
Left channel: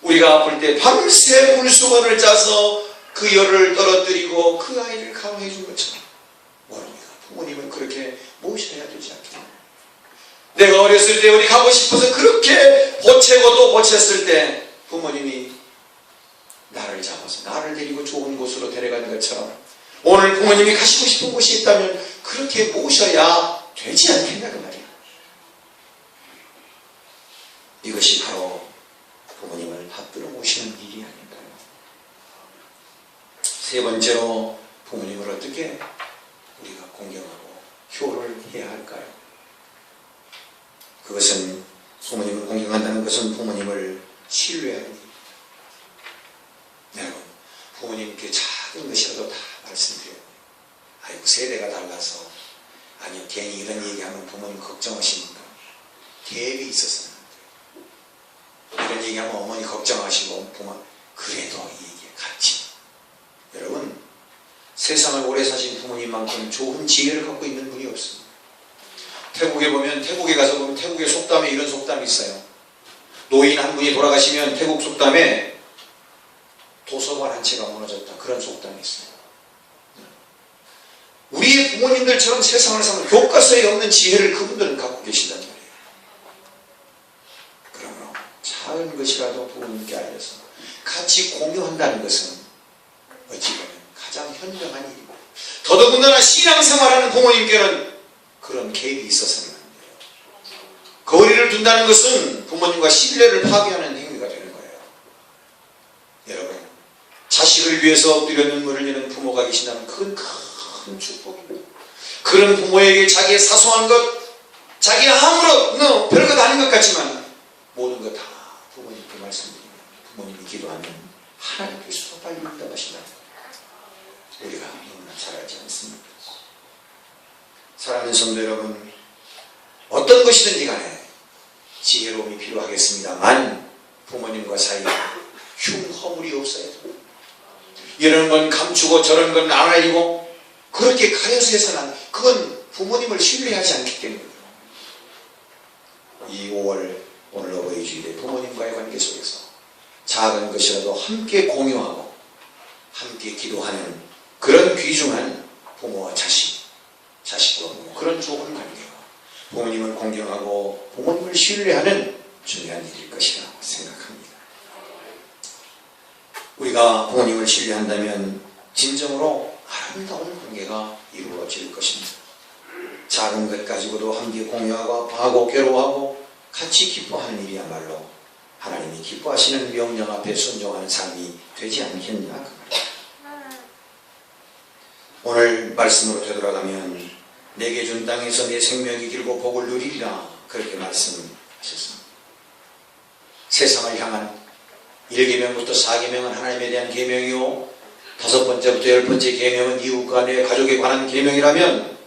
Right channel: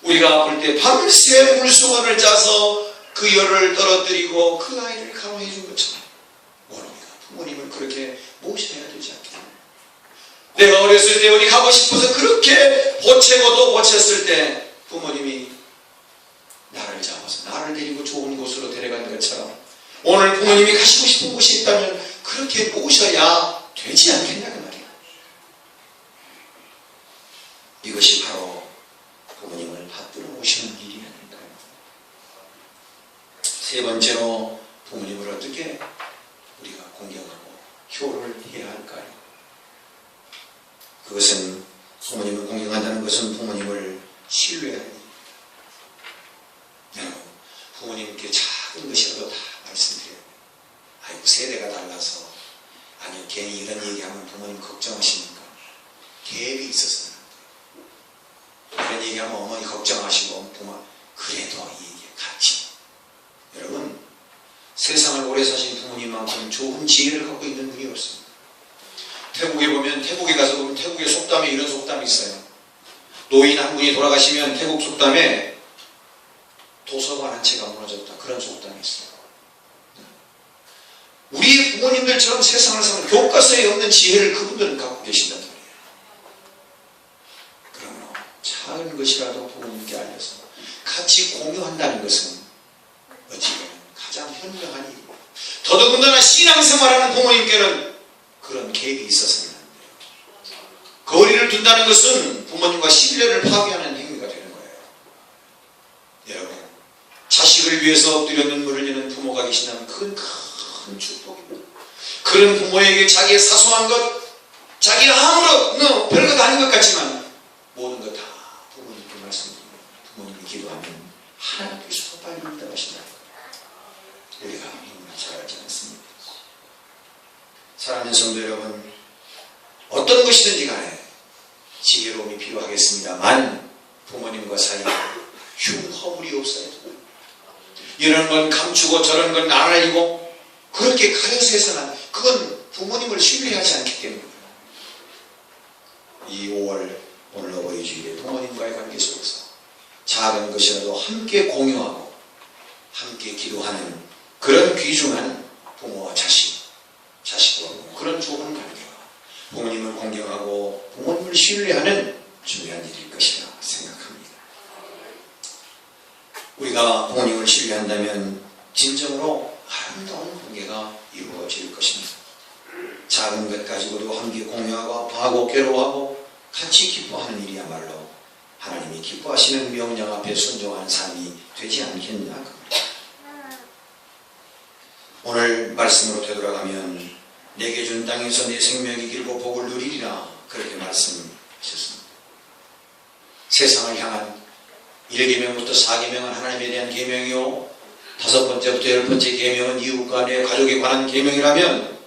우리가 아플 때 밤새 물수건을 짜서 그 열을 떨어뜨리고 그 아이를 강화해 준 것처럼 모릅니까? 부모님을 그렇게 모셔야 되지 않겠냐. 내가 어렸을 때 어디 가고 싶어서 그렇게 보채고도 보챘을 때 부모님이 나를 잡아서 나를 데리고 좋은 곳으로 데려간 것처럼 오늘 부모님이 가시고 싶은 곳이 있다면 그렇게 모셔야 되지 않겠냐 그 말이야. 이것이 바로 부모님을 받들어 모시는 일이 아닐까요? 세 번째로 부모님을 어떻게 우리가 공경하고 효를 해야 할까요? 그것은 부모님을 공경한다는 것은 부모님을 신뢰하는 일입니다. 여러분, 부모님께 작은 것이라도 다 말씀드려요. 아이고 세대가 달라서 아니 괜히 이런 얘기하면 부모님 걱정하시니까 갭이 있었어요. 이런 얘기하면 어머니 걱정하시고 부모 그래도 이게 같이 여러분 세상을 오래 사신 부모님만큼 좋은 지혜를 갖고 있는 분이 없습니다. 태국에 가서 보면 태국의 속담에 이런 속담이 있어요. 노인 한 분이 돌아가시면 태국 속담에 도서관 한 채가 무너졌다 그런 속담이 있어요. 우리 부모님들처럼 세상을 사는 교과서에 없는 지혜를 그분들은 갖고 계신단 말이에요. 그러므로 작은 것이라도 부모님께 알려서 같이 공유한다는 것은 어찌 보면 가장 현명한 일이고 더더군다나 신앙생활하는 부모님께는 그런 갭이 있어서는 안 돼요. 거리를 둔다는 것은 부모님과 신뢰를 파괴하는 행위가 되는 거예요. 여러분 자식을 위해서 엎드려 눈물을 흘리는 부모가 계신다면 그건 큰 축복입니다. 그런 부모에게 자기의 사소한 것, 자기 아무런 별것 아닌 것 같지만 모든 것 다 부모님께 말씀드리면 부모님이 기도하면 하나님께서 빨리 응답하신다는 거예요. 우리가 너무나 잘 알지 않습니까? 사랑하는 성도 여러분, 어떤 것이든지 간에 지혜로움이 필요하겠습니다만 부모님과 사이에 흉허물이 없어야 돼요. 이런 건 감추고 저런 건 안 알리고 그렇게 가려서 해서는 그건 부모님을 신뢰하지 않기 때문입니다. 이 5월 오늘 어버이 주일에 부모님과의 관계 속에서 작은 것이라도 함께 공유하고 함께 기도하는 그런 귀중한 부모와 자식과 부모 그런 좋은 관계가 부모님을 공경하고 부모님을 신뢰하는 중요한 일일 것이라 생각합니다. 우리가 부모님을 신뢰한다면 진정으로 아름다운 관계가 이루어질 것입니다. 작은 것 가지고도 함께 공유하고 아파하고 괴로워하고 같이 기뻐하는 일이야말로 하나님이 기뻐하시는 명령 앞에 순종하는 삶이 되지 않겠나 그 말이에요. 오늘 말씀으로 되돌아가면 내게 준 땅에서 내 생명이 길고 복을 누리리라 그렇게 말씀하셨습니다. 세상을 향한 1계명부터 4계명은 하나님에 대한 계명이요 5번째부터 10번째 계명은 이웃과 내 가족에 관한 계명이라면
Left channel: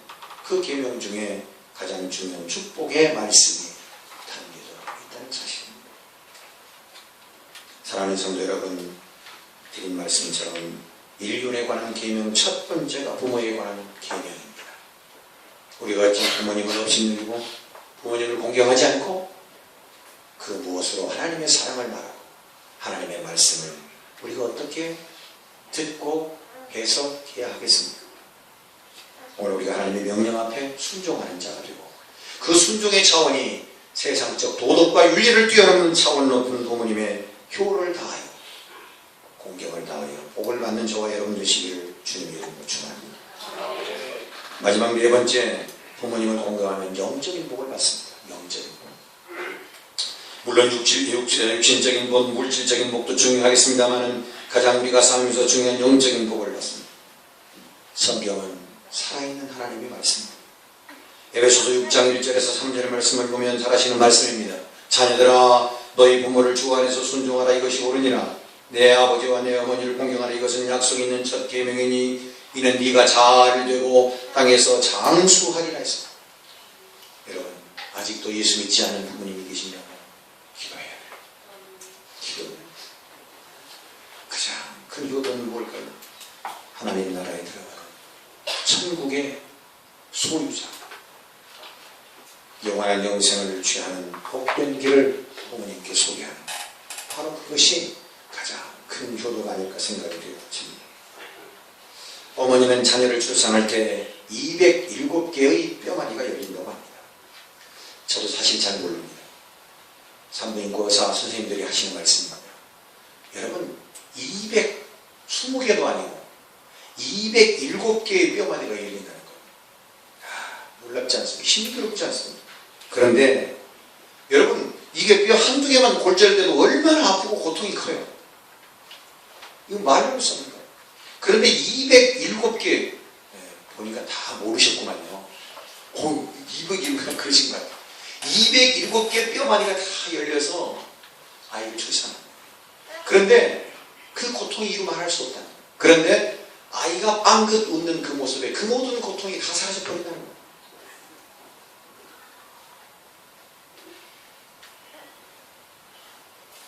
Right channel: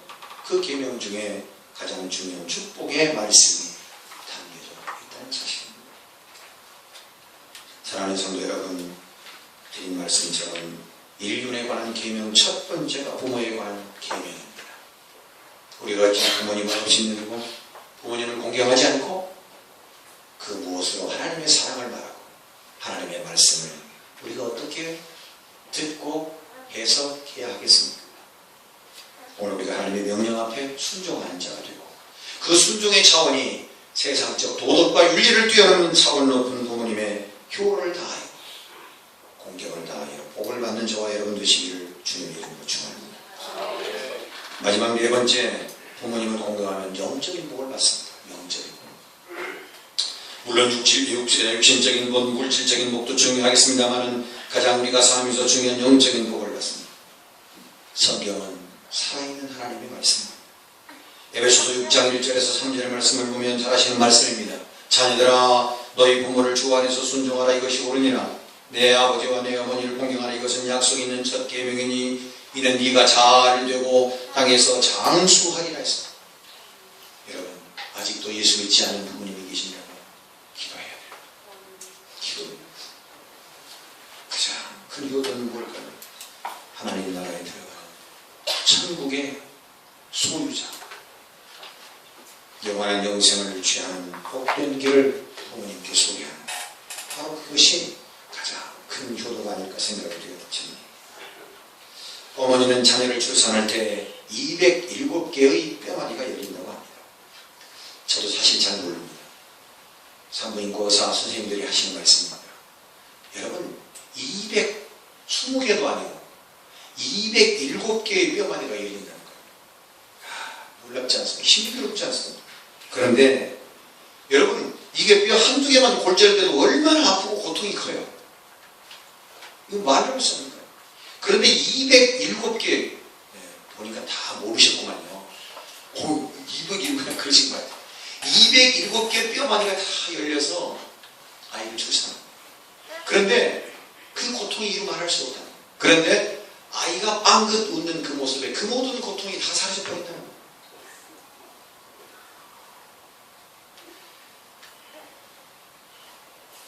그 계명 중에 가장 중요한 축복의 말씀이 담겨져 있다는 사실입니다. 사랑하는 성도 여러분, 드린 말씀처럼 인륜에 관한 계명 첫 번째가 부모에 관한 계명입니다. 우리가 어찌 부모님을 업신여기고 부모님을 공경하지 않고 그 무엇으로 하나님의 사랑을 말하고 하나님의 말씀을 우리가 어떻게 듣고 해석해야 하겠습니까? 오늘 우리가 하나님의 명령 앞에 순종하는 자가 되고 그 순종의 차원이 세상적 도덕과 윤리를 뛰어넘는 차원 높은 부모님의 효를 다하여 공경을 다하여 복을 받는 저와 여러분 되시기를 주님의 이름으로 축원합니다. 마지막 네 번째, 부모님을 공경하면 영적인 복을 받습니다. 영적인 복. 물론 육신적인 복, 물질적인 복도 중요하겠습니다만 가장 우리가 삶에서 중요한 영적인 복을 받습니다. 성경은 살아있는 하나님의 말씀입니다. 에베소서 6장 1절에서 3절의 말씀을 보면 잘 아시는 말씀입니다. 자녀들아 너희 부모를 주 안에서 순종하라. 이것이 옳으니라. 내 아버지와 내 어머니를 공경하라. 이것은 약속 있는 첫 계명이니 이는 네가 잘 되고 땅에서 장수하리라 했습니다. 여러분, 아직도 예수 믿지 않는 부모님이 계시냐고 기도해야 돼요. 기도해요. 가장 큰 효도는 뭘까요? 하나님 나라에 들어가는 천국의 소유자, 영원한 영생을 취하는 복된 길을 부모님께 소개하는, 바로 그것이 가장 큰 효도가 아닐까 생각이 되어집니다. 어머니는 자녀를 출산할 때 207개의 뼈마디가 열린다고 합니다. 저도 사실 잘 모릅니다. 산부인과 의사 선생님들이 하시는 말씀입니다. 여러분, 220개도 아니고 207개의 뼈마디가 열린다는 거예요. 놀랍지 않습니까? 힘들었지 않습니까? 그런데 여러분, 이게 뼈 한두 개만 골절돼도 얼마나 아프고 고통이 커요. 이거 말로 쓰는 거예요. 그런데 207개, 보니까 다 모르셨구만요. 207개 그러신 것 같아요. 207개 뼈마디가 다 열려서 아이를 출산합니다. 그런데 그 고통이 이루 말할 수 없다는 거예요. 그런데 아이가 빵긋 웃는 그 모습에 그 모든 고통이 다 사라져버린다는 거예요.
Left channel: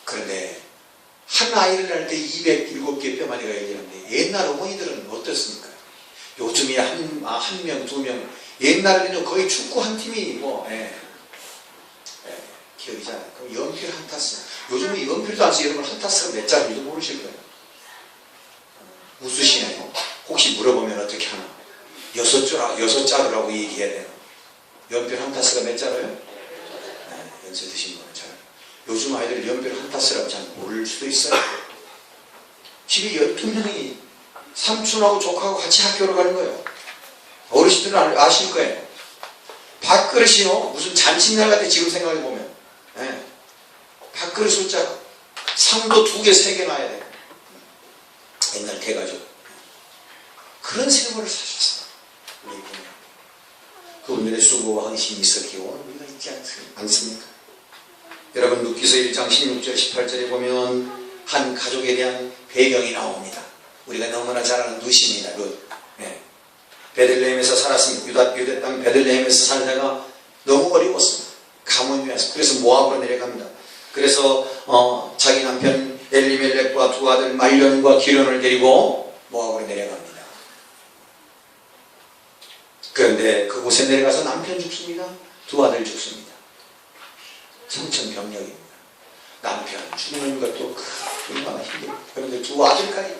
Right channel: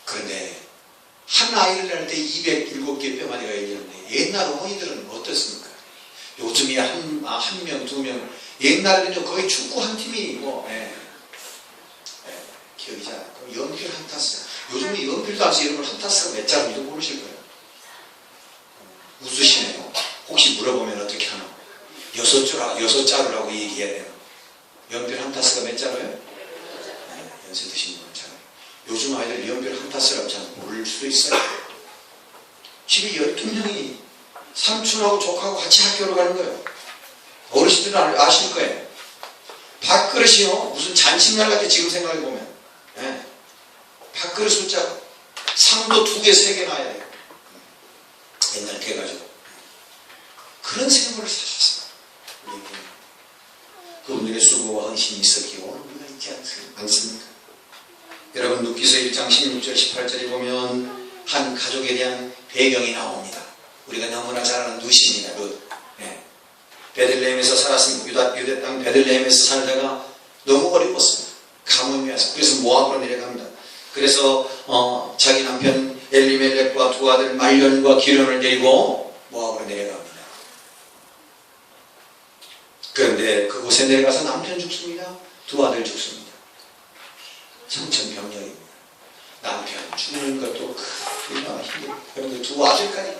그런데 한 아이를 낳을 때 207개 뼈마디가 열리는데 옛날 어머니들은 어떻습니까? 요즘이야 한 명, 두 명. 옛날에는 거의 축구 한 팀이 기억이 잘 안 나요. 연필 한 타스. 요즘은 연필도 안 써요. 여러분 한 타스가 몇 자루인지도 모르실 거예요. 웃으시네요. 혹시 물어보면 어떻게 하나? 6자루라고 얘기해야 돼요. 연필 한 타스가 몇 자루예요? 연세 드신 분은 잘. 요즘 아이들 연필 한 타스라고 잘 모를 수도 있어요. 집에 12명이 삼촌하고 조카하고 같이 학교로 가는 거예요. 어르신들은 아실 거예요. 밥그릇이요. 무슨 잔칫날 같아 지금 생각해보면. 밥그릇 숫자 상도 2개, 3개 놔야 돼요. 옛날 개가지고. 그런 생활을 사셨어요. 우리 부모님. 그분들의 수고와 헌신이 있었기에 오늘 우리가 있지 않습니까? 여러분, 룻기서 1장 16절 18절에 보면 한 가족에 대한 배경이 나옵니다. 우리가 너무나 잘 아는 룻입니다. 룻. 베들레헴에서 살았습니다. 유대 땅 베들레헴에서 살다가 너무 어려웠습니다. 가뭄이 와서. 그래서 모압으로 내려갑니다. 그래서 자기 남편 엘리멜렉과 두 아들 말련과 기련을 데리고 모압으로 내려갑니다. 그런데 그곳에 내려가서 남편 죽습니다. 두 아들 죽습니다. 청천벽력입니다. 남편 죽는 것도 얼마나 힘듭니다. 그런데 두 아들까지,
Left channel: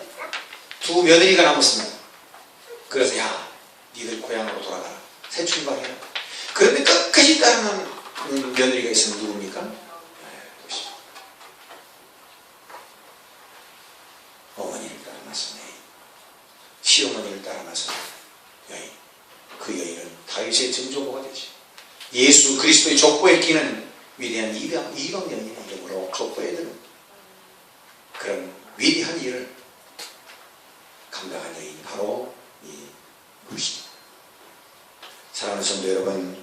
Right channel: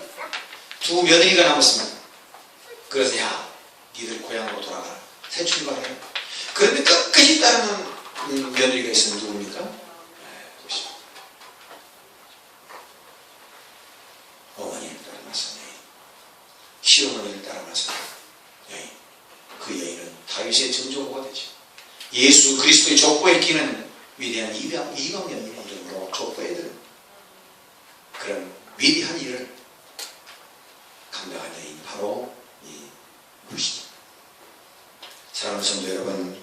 두 며느리가 남았습니다. 그래서 니들 고향으로 돌아가라. 새 출발해라. 그런데 끝까지 따르는 며느리가 있으면 누굽니까? 어머니를 따라나서 여인, 시어머니를 따라나서 여인. 그 여인은 다윗의 증조부가 되죠. 예수 그리스도의 족보에 끼는 위대한 이방 여인의 이름으로 족보에 드는 그런 위대한 일을 감당한 여인이 바로 이 룻입니다. 사랑하는 성도 여러분,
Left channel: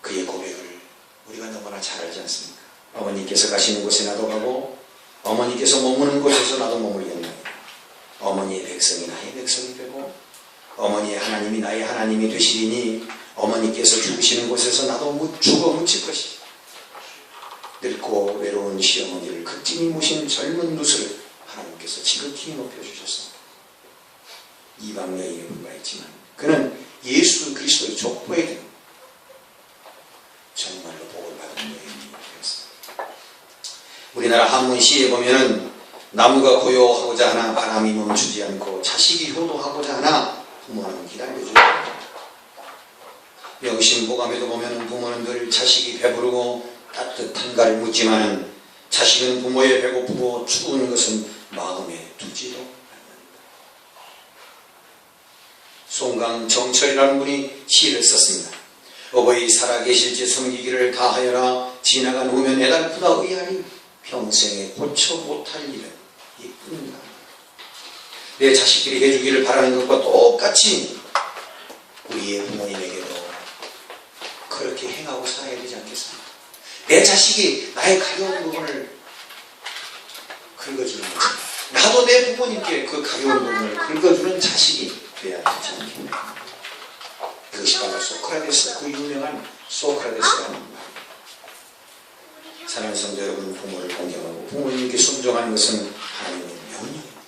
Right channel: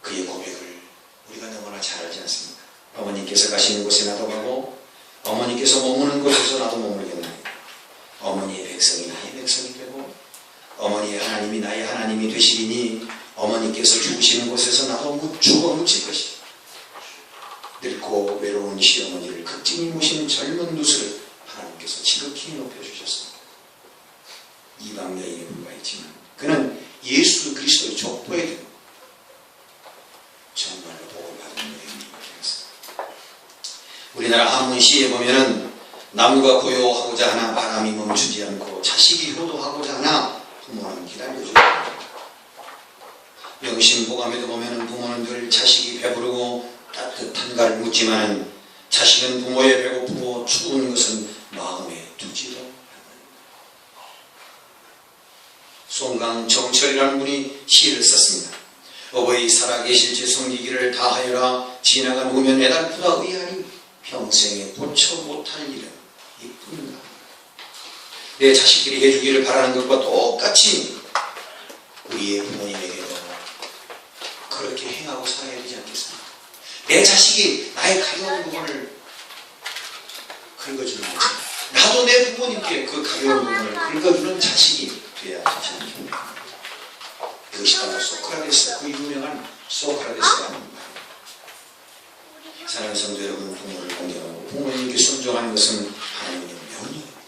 그의 고백을 우리가 너무나 잘 알지 않습니까? 어머니께서 가시는 곳에 나도 가고 어머니께서 머무는 곳에서 나도 머물겠나이다. 어머니의 백성이 나의 백성이 되고 어머니의 하나님이 나의 하나님이 되시리니 어머니께서 죽으시는 곳에서 나도 죽어 묻힐 것이다. 늙고 외로운 시어머니를 극진히 모신 젊은 누수를 하나님께서 지극히 높여주셨습니다. 이방 여인에 불과했지만 그는 예수 그리스도의 족보에 든 정말로 복을 받은 여인이었습니다. 우리나라 한문시에 보면은 나무가 고요하고자 하나 바람이 멈추지 않고 자식이 효도하고자 하나 부모는 기다려줘야 합니다. 명심보감에도 보면 부모는 늘 자식이 배부르고 따뜻한가를 묻지만 자식은 부모의 배고프고 추운 것은 마음에 두지도 않는다. 송강정철이라는 분이 시를 썼습니다. 어버이 살아계실지 섬기기를 다하여라 지나간 후면 애달프다 의아니 평생에 고쳐 못할 일은 이뿐이다. 내 자식들이 해주기를 바라는 것과 똑같이 우리의 부모님에게도 그렇게 행하고 살아야 되지 않겠습니까? 내 자식이 나의 가벼운 부분을 긁어주는 거지. 나도 내 부모님께 그 가벼운 부분을 긁어주는 자식이 돼야 되지 않겠습니까? 그것이 바로 소크라테스, 그 유명한 소크라테스가 하는 말입니다. 사랑하는 성도 여러분, 부모를 공경하고 부모님께 순종하는 것은 하나님의 명령입니다.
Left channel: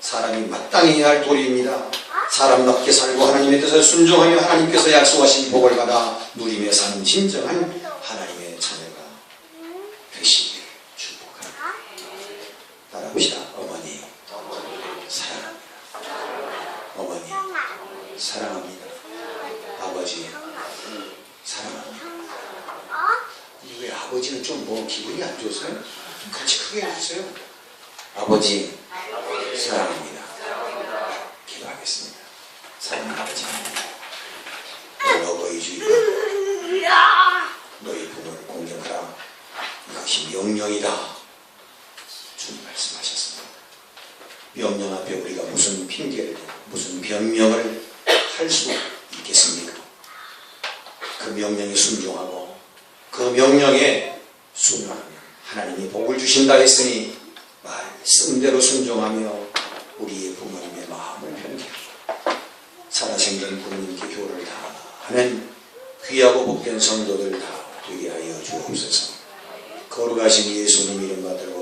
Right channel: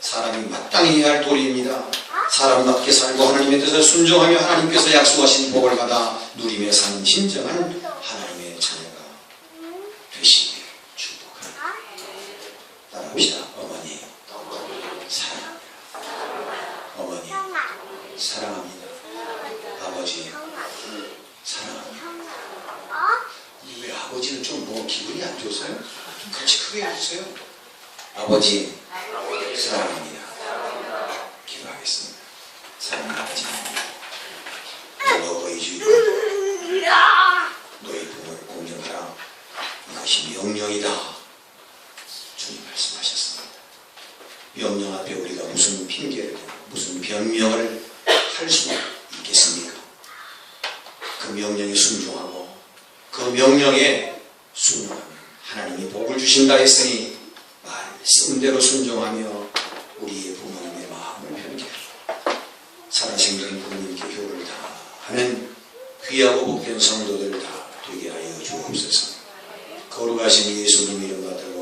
사람이 마땅히 해야 할 도리입니다. 사람답게 살고 하나님의 뜻을 순종하며 하나님께서 약속하신 복을 받아 누리며 사는 진정한 하나님의 자녀가 되시기를 축복합니다. 따라합시다. 어머니 사랑합니다. 어머니 사랑합니다. 아버지 사랑합니다. 왜 아버지는 좀 뭐 기분이 안 좋으세요? 좀 같이 크게 해주세요. 아버지 사랑합니다. 기도하겠습니다. 사랑하는 아버지, 너희 주의가 너희 부모를 공경하라. 이것이 명령이다. 주님 말씀하셨습니다. 명령 앞에 우리가 무슨 핑계를 무슨 변명을 할 수 있겠습니까? 그 명령에 순종하고 그 명령에 순종하면 하나님이 복을 주신다 했으니 말씀대로 순종하며 우리의 부모님의 마음을 편케 하고 살아생전 부모님께 효를 다하는 귀하고 복된 성도들 다 되게 하여 주옵소서. 거룩하신 예수님 이름 받들고